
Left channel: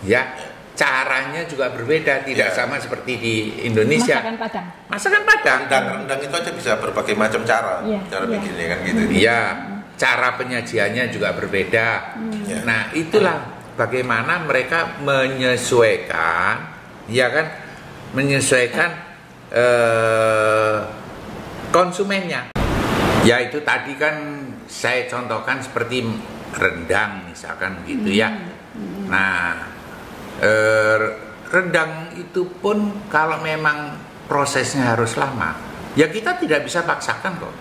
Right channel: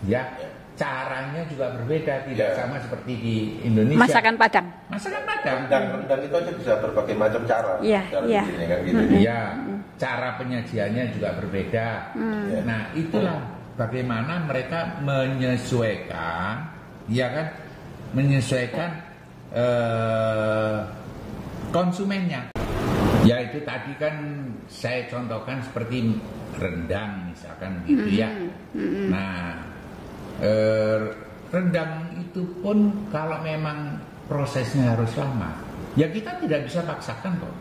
ya, caranya juga berbeda, tidak sama seperti di Indonesia. Masakan Padang. Masakan Padang, Rendang itu aja bisa berbagai macam cara. Iya, Cara iya. bikinnya kan gitu. ya, cara penyajiannya juga berbeda. Ya. Nah, itulah bagaimana mereka menyesuaikan, ya kan, menyesuaikan konsumennya. Ya itu tadi kan saya contohkan seperti rendang misalkan gitu ya. Nah, rendang itu pun kalau memang prosesnya harus lama, ya kita tidak bisa paksakan kok.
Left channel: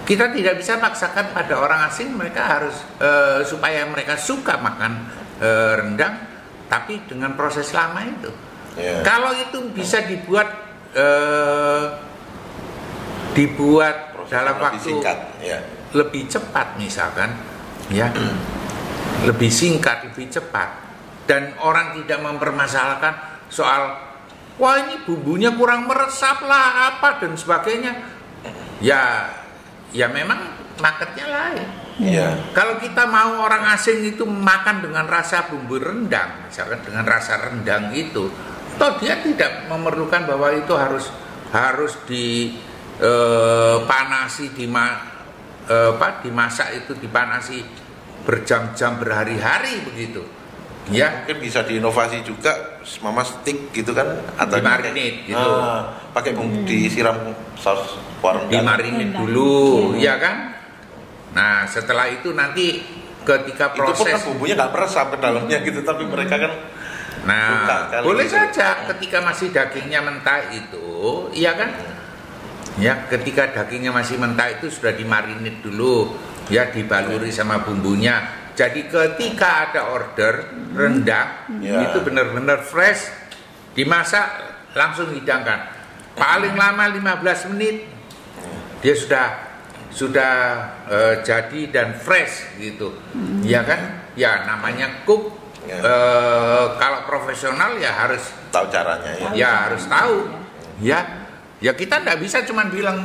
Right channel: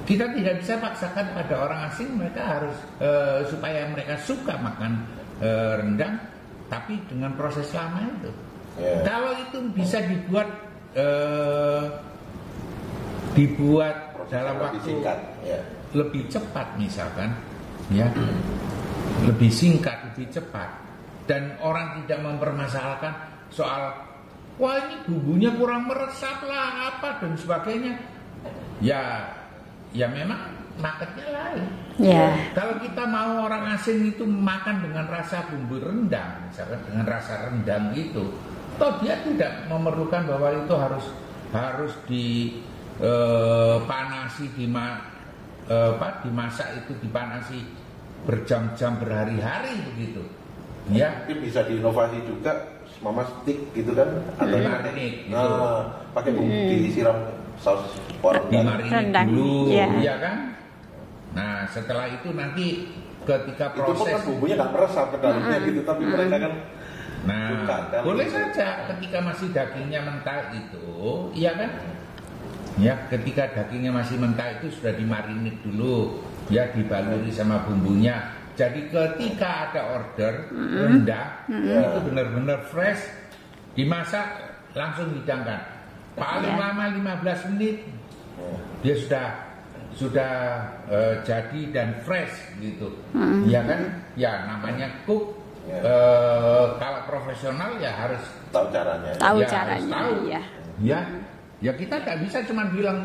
Kita tidak bisa paksakan pada orang asing mereka harus supaya mereka suka makan rendang, tapi dengan proses lama itu. Yeah. Kalau itu bisa dibuat dalam lebih waktu singkat, ya. lebih cepat misalkan, ya, lebih singkat, lebih cepat, dan orang tidak mempermasalahkan soal wah ini bumbunya kurang meresap lah apa dan sebagainya. Ya memang marketnya lain. Ya. Kalau kita mau orang asing itu makan dengan rasa bumbu rendang, misalkan dengan rasa rendang itu, toh dia tidak memerlukan bahwa itu harus dipanasi, dimasak itu dipanasi berjam-jam berhari-hari begitu. Ya, Mungkin bisa diinovasi juga mama stick gitu kan, atau dimarinate gitu. Pakai bumbu disiram saus rendang. Dimarinate Rendang. dulu, Iya. ya kan? Nah, setelah itu nanti ketika Itu pun proses, kan bumbunya nggak meresap ke dalamnya gitu, tapi mereka kan nah, suka kali boleh gitu. saja ketika masih dagingnya mentah itu, iya kan? Ya, ketika dagingnya masih mentah itu sudah dimarinate dulu, ya dibaluri sama bumbunya. Jadi ketika ada order rendang, itu benar-benar fresh, dimasak langsung hidangkan. Paling lama 15 menit dia sudah jadi dan fresh gitu. Ya kan? Ya namanya cook. Ya. Kalau profesional ya harus tahu caranya ya. Tahu ya caranya, harus tahu. ya. Ya kita tidak bisa cuma bilang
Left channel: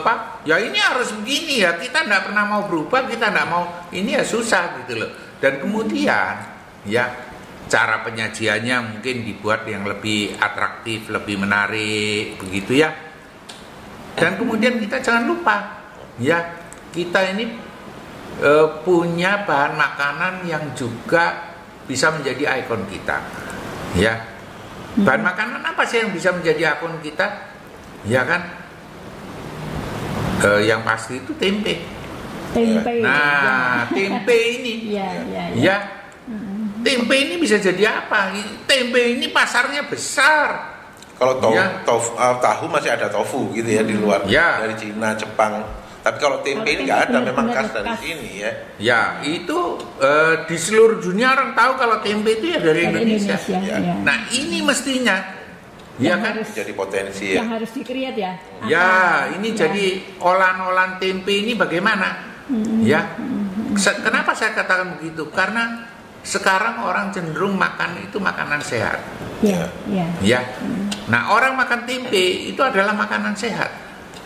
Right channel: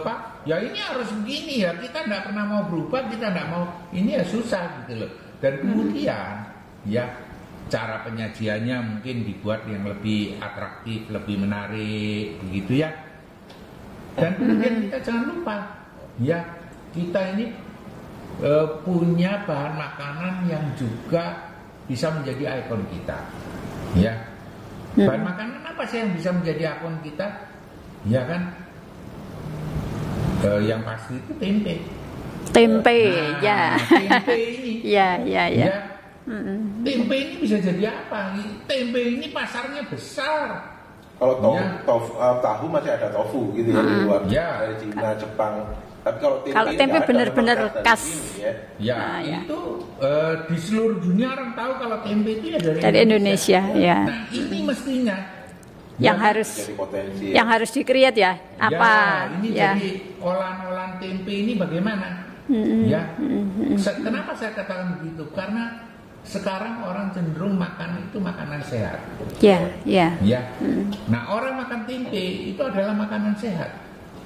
Pak, ya ini harus begini ya. Kita tidak pernah mau berubah, kita tidak mau ini ya susah gitu loh. Dan kemudian ya cara penyajiannya mungkin dibuat yang lebih atraktif, lebih menarik begitu ya. Dan kemudian kita jangan lupa ya kita ini punya bahan makanan yang juga bisa menjadi ikon kita ya. Bahan makanan apa sih yang bisa menjadi ikon kita? Ya kan, yang pasti itu tempe. Tempe, Nah, ya. tempe ini, Ya. ya, tempe ini bisa jadi apa? Tempe ini pasarnya besar. Kalau Ya. tahu masih ada tofu gitu ya di luar, Ya. dari Cina, Jepang. Tapi kalau tempe Kalau ini tempe nggak ada, memang benar-benar khas dari khas. sini ya. Ya, itu di seluruh dunia orang tahu kalau tempe itu ya dari Dari Indonesia. Indonesia, ya. Nah, ini mestinya Yang kan? harus Jadi potensi ya. yang harus di-create ya. Ya, ini ya. jadi olahan-olahan tempe ini bagaimana? Ya, kenapa saya katakan begitu? Karena sekarang orang cenderung makan itu makanan sehat. Ya, ya. Ya, nah orang makan tempe itu adalah makanan sehat.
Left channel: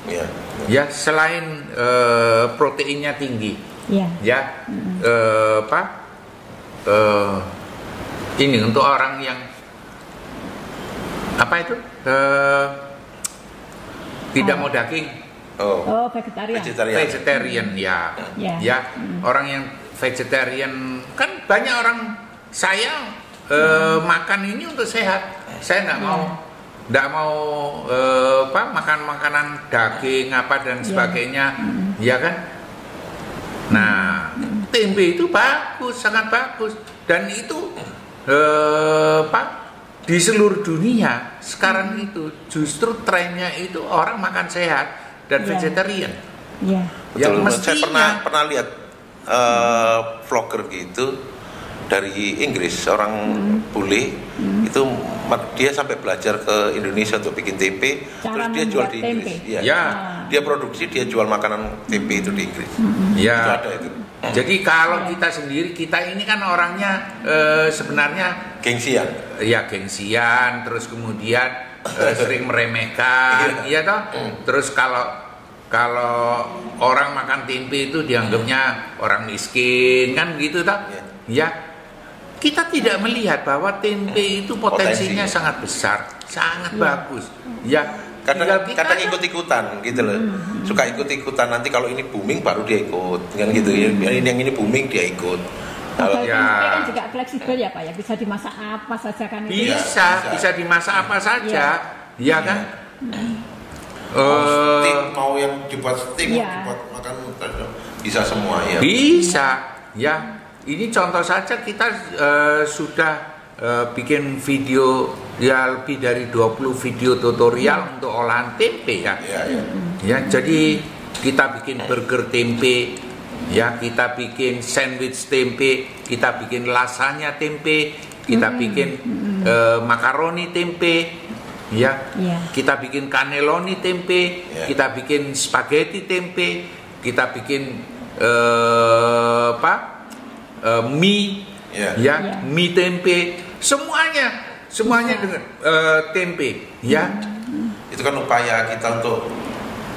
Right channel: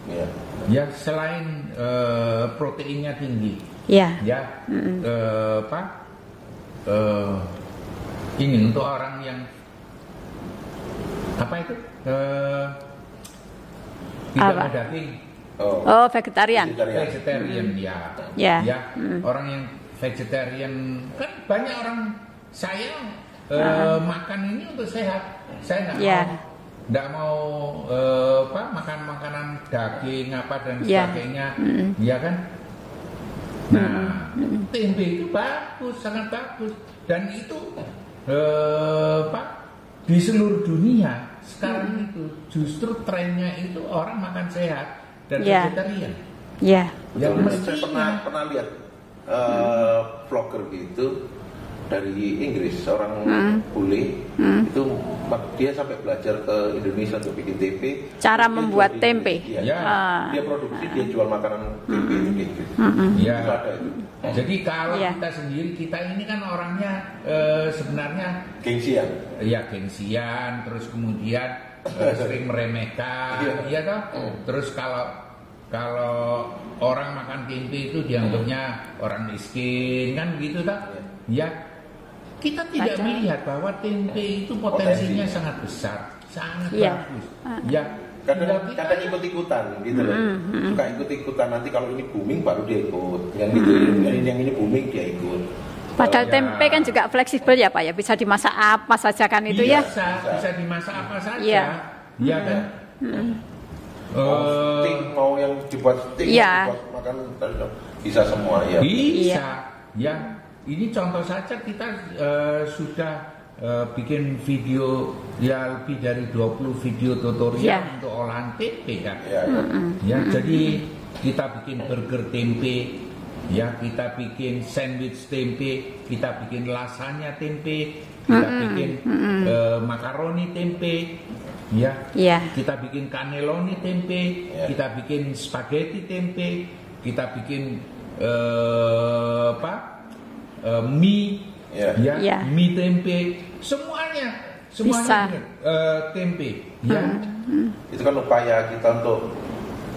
Ya. Ya, selain proteinnya tinggi. Ya. Ya, ini untuk orang yang apa itu tidak Apa? mau daging. Oh, vegetarian. Vegetarian ya. Ya. Orang yang vegetarian kan banyak orang saya makan ini untuk sehat. Saya nggak mau makan makanan daging apa dan sebagainya, ya kan? Nah, tempe itu bagus, sangat bagus, dan itu di seluruh dunia sekarang itu justru trennya itu orang makan sehat dan vegetarian. Ya. Yang Betul, mestinya saya pernah lihat vlogger gitu dari Inggris, orang bule itu dia sampai belajar ke Indonesia untuk bikin tempe. Cara terus dia membuat jual di tempe. Inggris. Ya. Ya. Dia produksi, dia jual makanan tempe itu di Inggris. Ya. Itu ada itu. Jadi kalau Iya. kita sendiri, kita ini kan orangnya sebenarnya Gengsian. ya gengsian, terus kemudian sering meremehkan, iya toh. Terus kalau orang makan tempe itu dianggapnya orang miskin kan gitu toh. Ya. Kita tidak melihat bahwa tempe itu potensinya sangat besar, sangat bagus. Ya. Kadang ikut-ikutan gitu loh. Suka ikut-ikutan, nanti kalau ini booming baru dia ikut. Kan gitu ya. Yang ini booming dia ikut. Padahal Ya. tempe kan juga fleksibel ya Pak ya, bisa dimasak apa saja kan itu ya. Bisa dimasak apa saja, Iya. ya kan? Steak, mau yang dibuat steak, Iya. mau dibuat makan bisa semua ya. Bisa, ya. Ini contoh saja kita sudah bikin video ya lebih dari 20 video tutorial untuk olahan tempe ya. Ya, jadi kita bikin burger tempe, ya kita bikin sandwich tempe, kita bikin lasagna tempe, kita bikin makaroni tempe, ya. Kita bikin cannelloni tempe, kita bikin spaghetti tempe, kita bikin mie. Mie tempe, semuanya dengan tempe, ya. Itu kan upaya kita untuk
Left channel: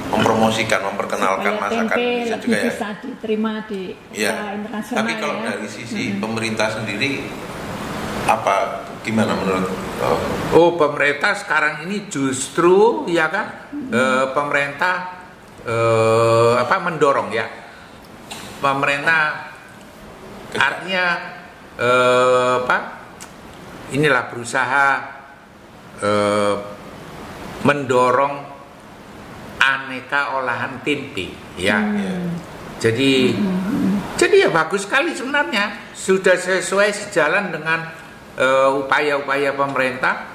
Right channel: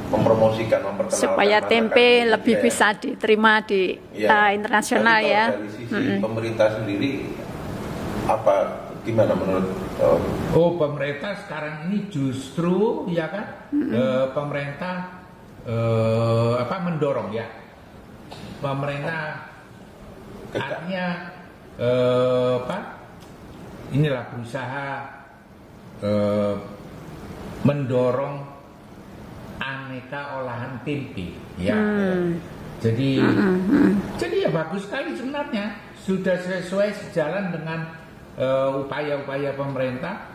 mempromosikan, memperkenalkan supaya masakan tempe Indonesia lebih juga, bisa diterima di internasional. Tapi kalau dari sisi pemerintah sendiri, gimana menurut? Pemerintah sekarang ini justru ya kan, pemerintah mendorong ya, pemerintah artinya inilah berusaha mendorong aneka olahan tempe, ya. Jadi ya bagus sekali sebenarnya, sudah sesuai sejalan dengan upaya-upaya pemerintah,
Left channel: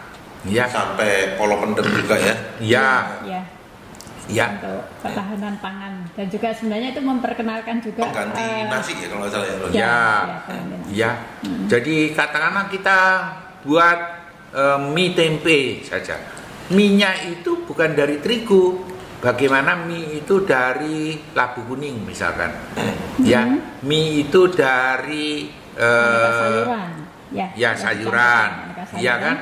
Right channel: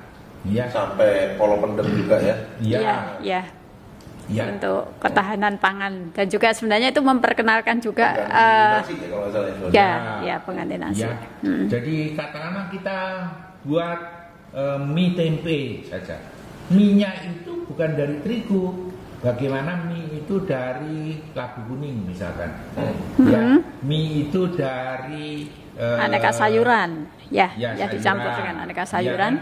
ya. Sampai Polo Pendem juga ya. Ya. Untuk ketahanan pangan, dan juga sebenarnya itu memperkenalkan juga pengganti nasi ya kalau nggak salah ya. Pengganti nasi. Ya. Jadi katakanlah kita buat mie tempe saja. Mie-nya itu bukan dari terigu. Bagaimana mie itu dari labu kuning misalkan. Ya, mie itu dari aneka sayuran. Ya, sayuran. Aneka sayuran. Ya kan?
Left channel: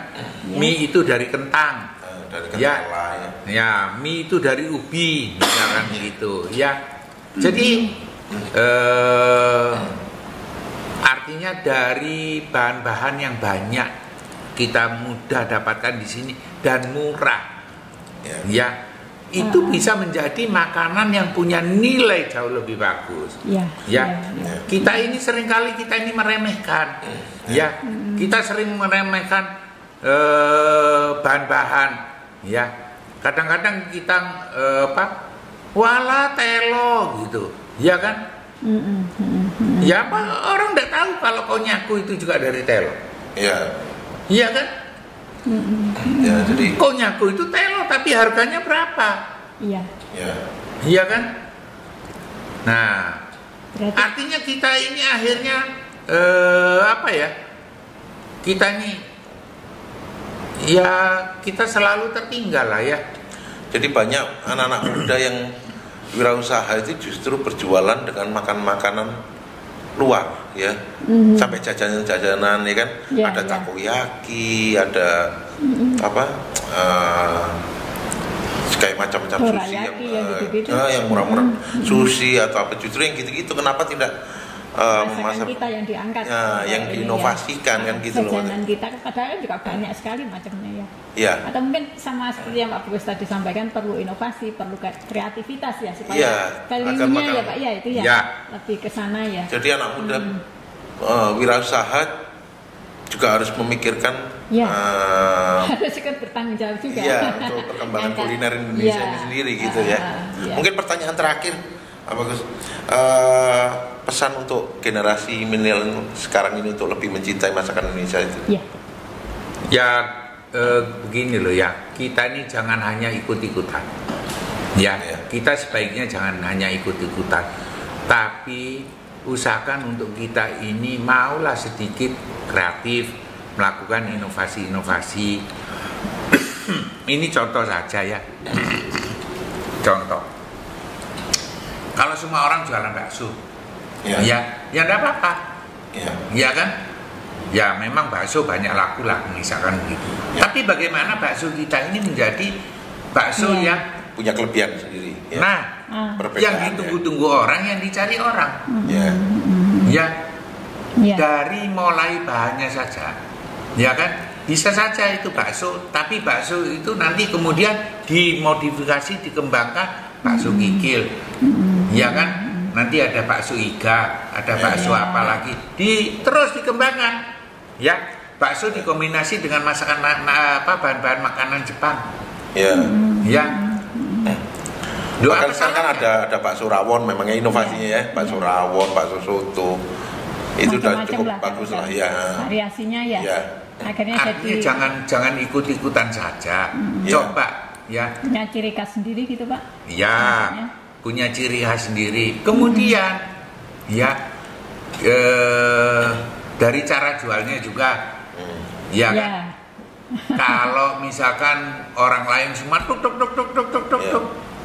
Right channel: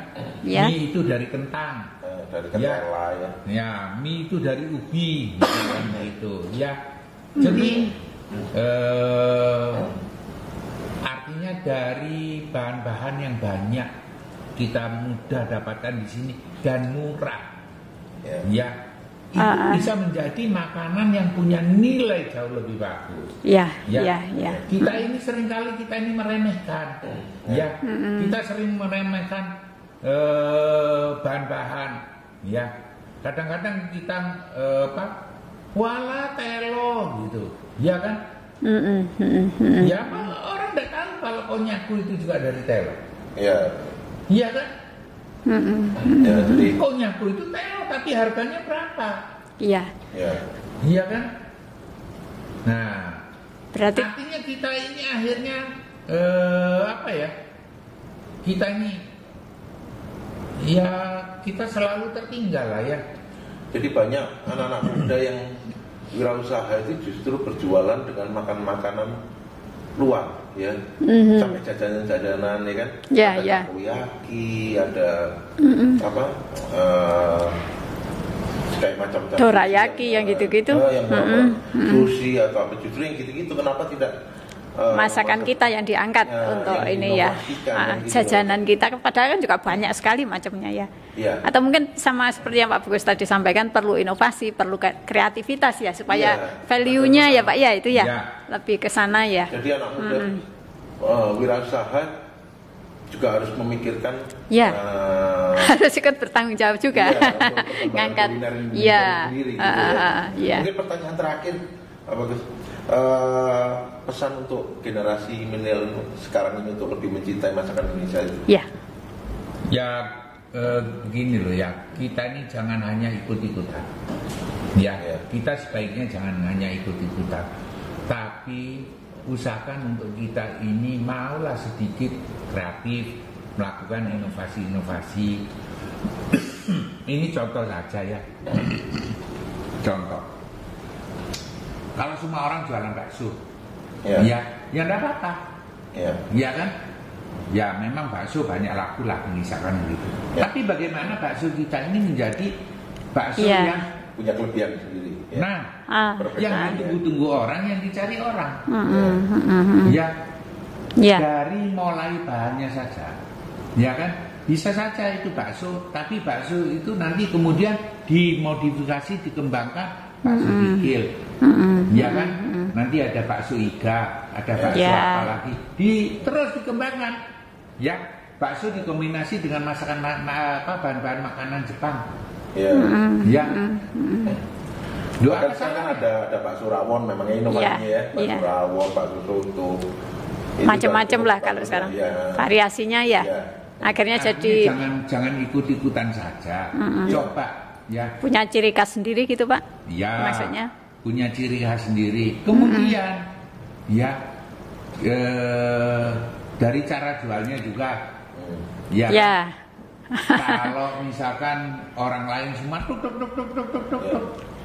Mie itu dari kentang. Dari ketela, ya, mie itu dari ubi misalkan gitu, ya. Jadi artinya dari bahan-bahan yang banyak kita mudah dapatkan di sini dan murah, ya. Itu bisa menjadi makanan yang punya nilai jauh lebih bagus. Kita ini seringkali meremehkan, ya. Kita sering meremehkan bahan-bahan. Ya, kadang-kadang kita wala telo gitu, ya kan? Ya, orang nggak tahu kalau konyaku itu juga dari telo. Iya kan? Ya, jadi konyaku itu telo, tapi harganya berapa? Iya kan? Nah, berarti artinya kita ini akhirnya kita ini ya kita selalu tertinggal lah ya. Jadi banyak anak-anak muda yang wirausaha itu justru berjualan dengan makan makanan luar ya, sampai jajanan-jajanan ya kan, ada takoyaki, ada kayak macam-macam dorayaki yang gitu-gitu, yang murah-murah, sushi atau apa, justru yang gitu-gitu kenapa tidak masakan kita yang diangkat untuk yang ini kan gitu jajanan kita, padahal kan juga banyak sekali macamnya ya. Atau mungkin sama seperti yang Pak Bagus tadi sampaikan, perlu inovasi, perlu kreativitas ya, supaya value-nya ya Pak ya itu lebih ke sana ya. Jadi anak muda wirausaha juga harus memikirkan harus ikut bertanggung jawab juga untuk perkembangan kuliner Indonesia sendiri gitu ya. Mungkin pertanyaan terakhir Pak Bagus, pesan untuk generasi milenial sekarang ini untuk lebih mencintai masakan Indonesia itu? Begini loh ya, kita ini jangan hanya ikut-ikutan. Kita sebaiknya jangan hanya ikut-ikutan, tapi usahakan untuk kita ini maulah sedikit kreatif, melakukan inovasi-inovasi. Ini contoh saja ya. Contoh, kalau semua orang jualan bakso, ya enggak apa-apa, ya kan? Ya memang bakso banyak laku lah misalkan begitu. Tapi bagaimana bakso kita ini menjadi bakso yang punya kelebihan sendiri. Yang ditunggu-tunggu orang, yang dicari orang. Dari mulai bahannya saja, ya kan? Bisa saja itu bakso, tapi bakso itu nanti kemudian dimodifikasi, dikembangkan bakso kikil, ya kan? Nanti ada bakso iga, ada bakso apa lagi, terus dikembangkan, ya. Bakso dikombinasi dengan masakan bahan-bahan makanan Jepang, Bahkan sekarang ada bakso rawon, memangnya inovasinya ya, bakso rawon, bakso soto, macam-macam lah kalau sekarang variasinya Akhirnya jadi jangan ikut-ikutan saja. Coba ya. punya ciri khas sendiri gitu Pak. Ya. Maksudnya? Punya ciri khas sendiri. Kemudian ya dari cara jualnya juga. Ya. Ya. Kan? Kalau misalkan orang lain cuma tuk.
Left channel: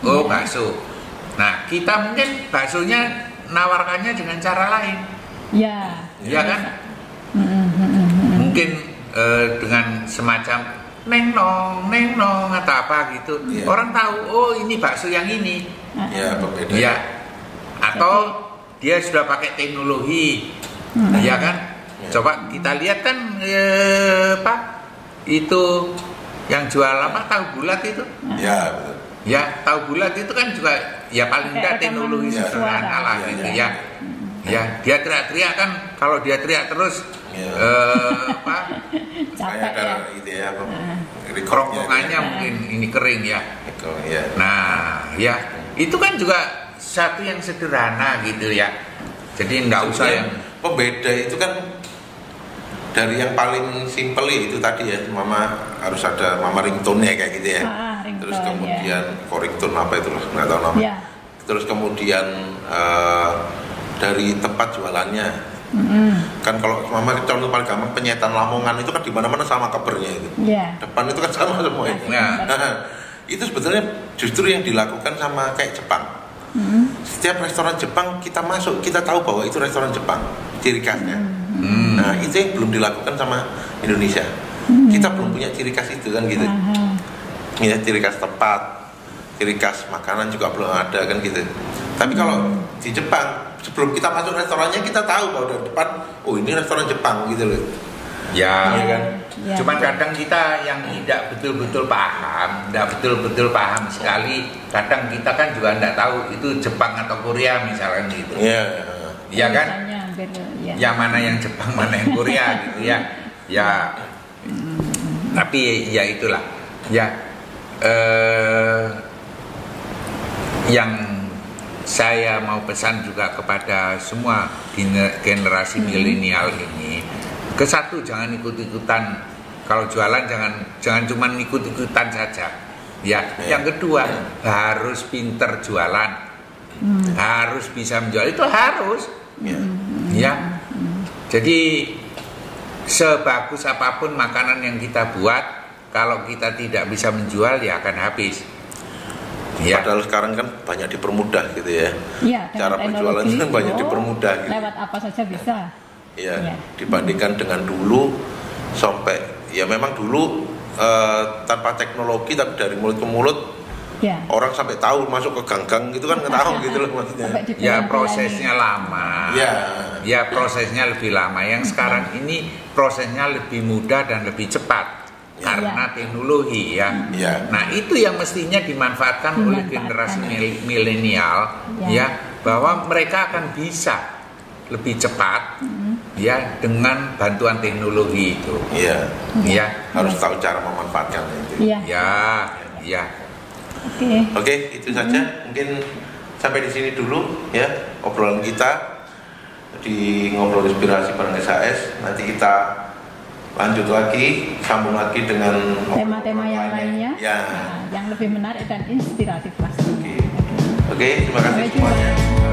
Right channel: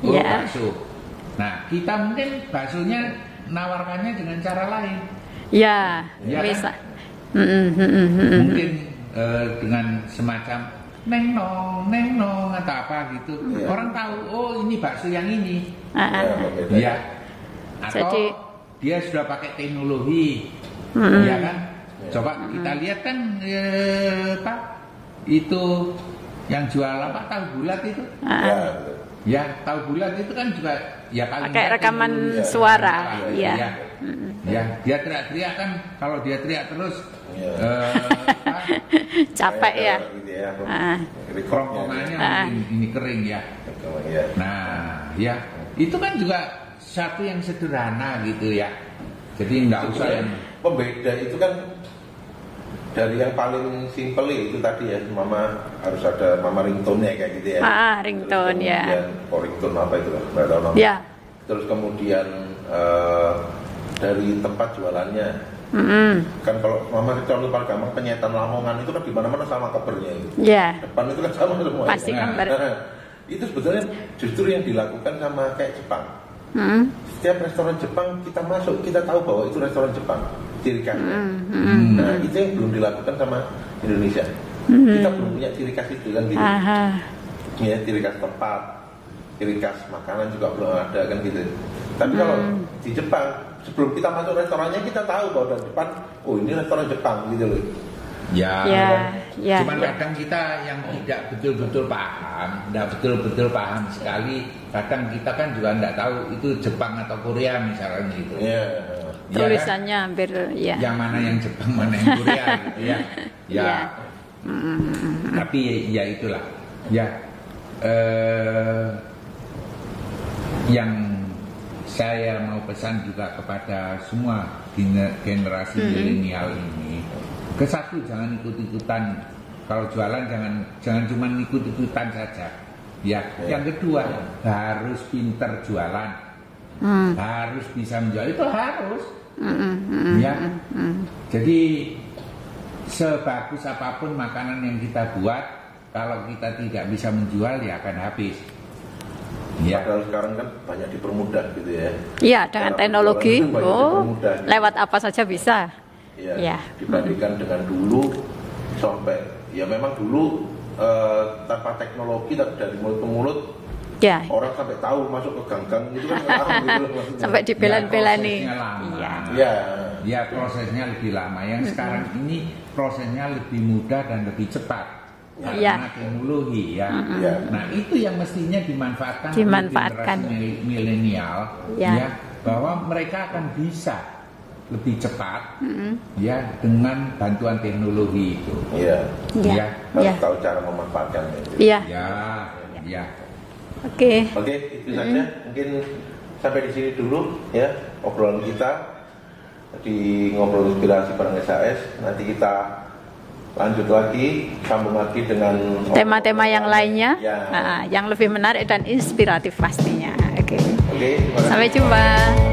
Oh, Ya. bakso. Nah, kita mungkin baksonya nawarkannya dengan cara lain. Ya. Ya kan? Bisa. Mungkin dengan semacam neng nong atau apa gitu. Iya. Orang tahu, oh ini bakso yang ini. Ya, berbeda. Ya. Atau Jadi- dia sudah pakai teknologi. Ya kan? Coba kita lihat kan Pak, itu yang jual apa tahu bulat itu. Ya, Ya, tahu bulat itu kan juga ya paling Pakai nggak rekaman teknologi suara, sederhana lah gitu iya. ya. Ya, dia teriak-teriak kan, kalau dia teriak terus Iya. apa, Capek ya. Gitu ya, kerongkongannya mungkin ini kering ya. Ya. Nah, ya itu kan juga satu yang sederhana gitu ya. Jadi nggak usah yang Pembeda itu kan dari yang paling simpel itu tadi ya, mama harus ada mama ringtone-nya kayak gitu ya. Ringtone, Terus kemudian ya. ringtone apa itu lah, nggak tahu nama. Ya. Terus kemudian dari tempat jualannya. Kan kalau mama contoh paling gampang penyetan Lamongan itu kan di mana-mana sama covernya itu. Ya. Depan itu kan sama semua. Pasti Itu. Ya. gambar. Itu sebetulnya justru yang dilakukan sama kayak Jepang. Setiap restoran Jepang kita masuk, kita tahu bahwa itu restoran Jepang, ciri khasnya. Nah, itu yang belum dilakukan sama Indonesia. Kita belum punya ciri khas itu kan gitu. Aha. Ya, ciri khas tempat, ciri khas makanan juga belum ada kan gitu. Tapi kalau di Jepang, sebelum kita masuk restorannya kita tahu bahwa dari depan, oh ini restoran Jepang gitu loh. ya, Ya, kan? ya. Cuman kadang kita yang tidak betul-betul paham sekali. Kadang kita kan juga tidak tahu itu Jepang atau Korea misalnya gitu. Iya. Ya kan? Tulisannya hampir ya. Yang mana yang Jepang, mana yang Korea gitu ya. Ya. Tapi ya itulah. Ya. Yang saya mau pesan juga kepada semua generasi milenial ini, ke satu jangan ikut-ikutan, kalau jualan jangan cuma ikut-ikutan saja. Ya. Yang kedua harus pinter jualan, harus bisa menjual, itu harus. Ya. Jadi sebagus apapun makanan yang kita buat, kalau kita tidak bisa menjual ya akan habis. Ya. Padahal sekarang kan banyak dipermudah gitu ya. Iya, dengan Cara teknologi penjualan banyak dipermudah gitu. lewat apa saja bisa. Ya, Ya. dibandingkan dengan dulu sampai ya memang dulu tanpa teknologi tapi dari mulut ke mulut Ya. orang sampai tahu masuk ke gang-gang gitu kan nggak tahu gitu loh maksudnya. Sampai Ya dibelani-belani. prosesnya lama. Ya. Ya prosesnya lebih lama. Yang sekarang ini prosesnya lebih mudah dan lebih cepat karena teknologi ya. Ya. Nah itu yang mestinya dimanfaatkan oleh generasi milenial ya, bahwa mereka akan bisa lebih cepat ya dengan bantuan teknologi itu. Iya. Ya. Harus tahu cara memanfaatkannya itu. Iya. Ya, ya. Oke. Oke, itu saja. Mungkin sampai di sini dulu ya obrolan kita di ngobrol inspirasi bareng SAS. Nanti kita lanjut lagi, sambung lagi dengan Tema-tema yang lainnya, Ya. yang lebih menarik dan inspiratif pastinya. Oke. Oke, terima kasih. Sampai jumpa.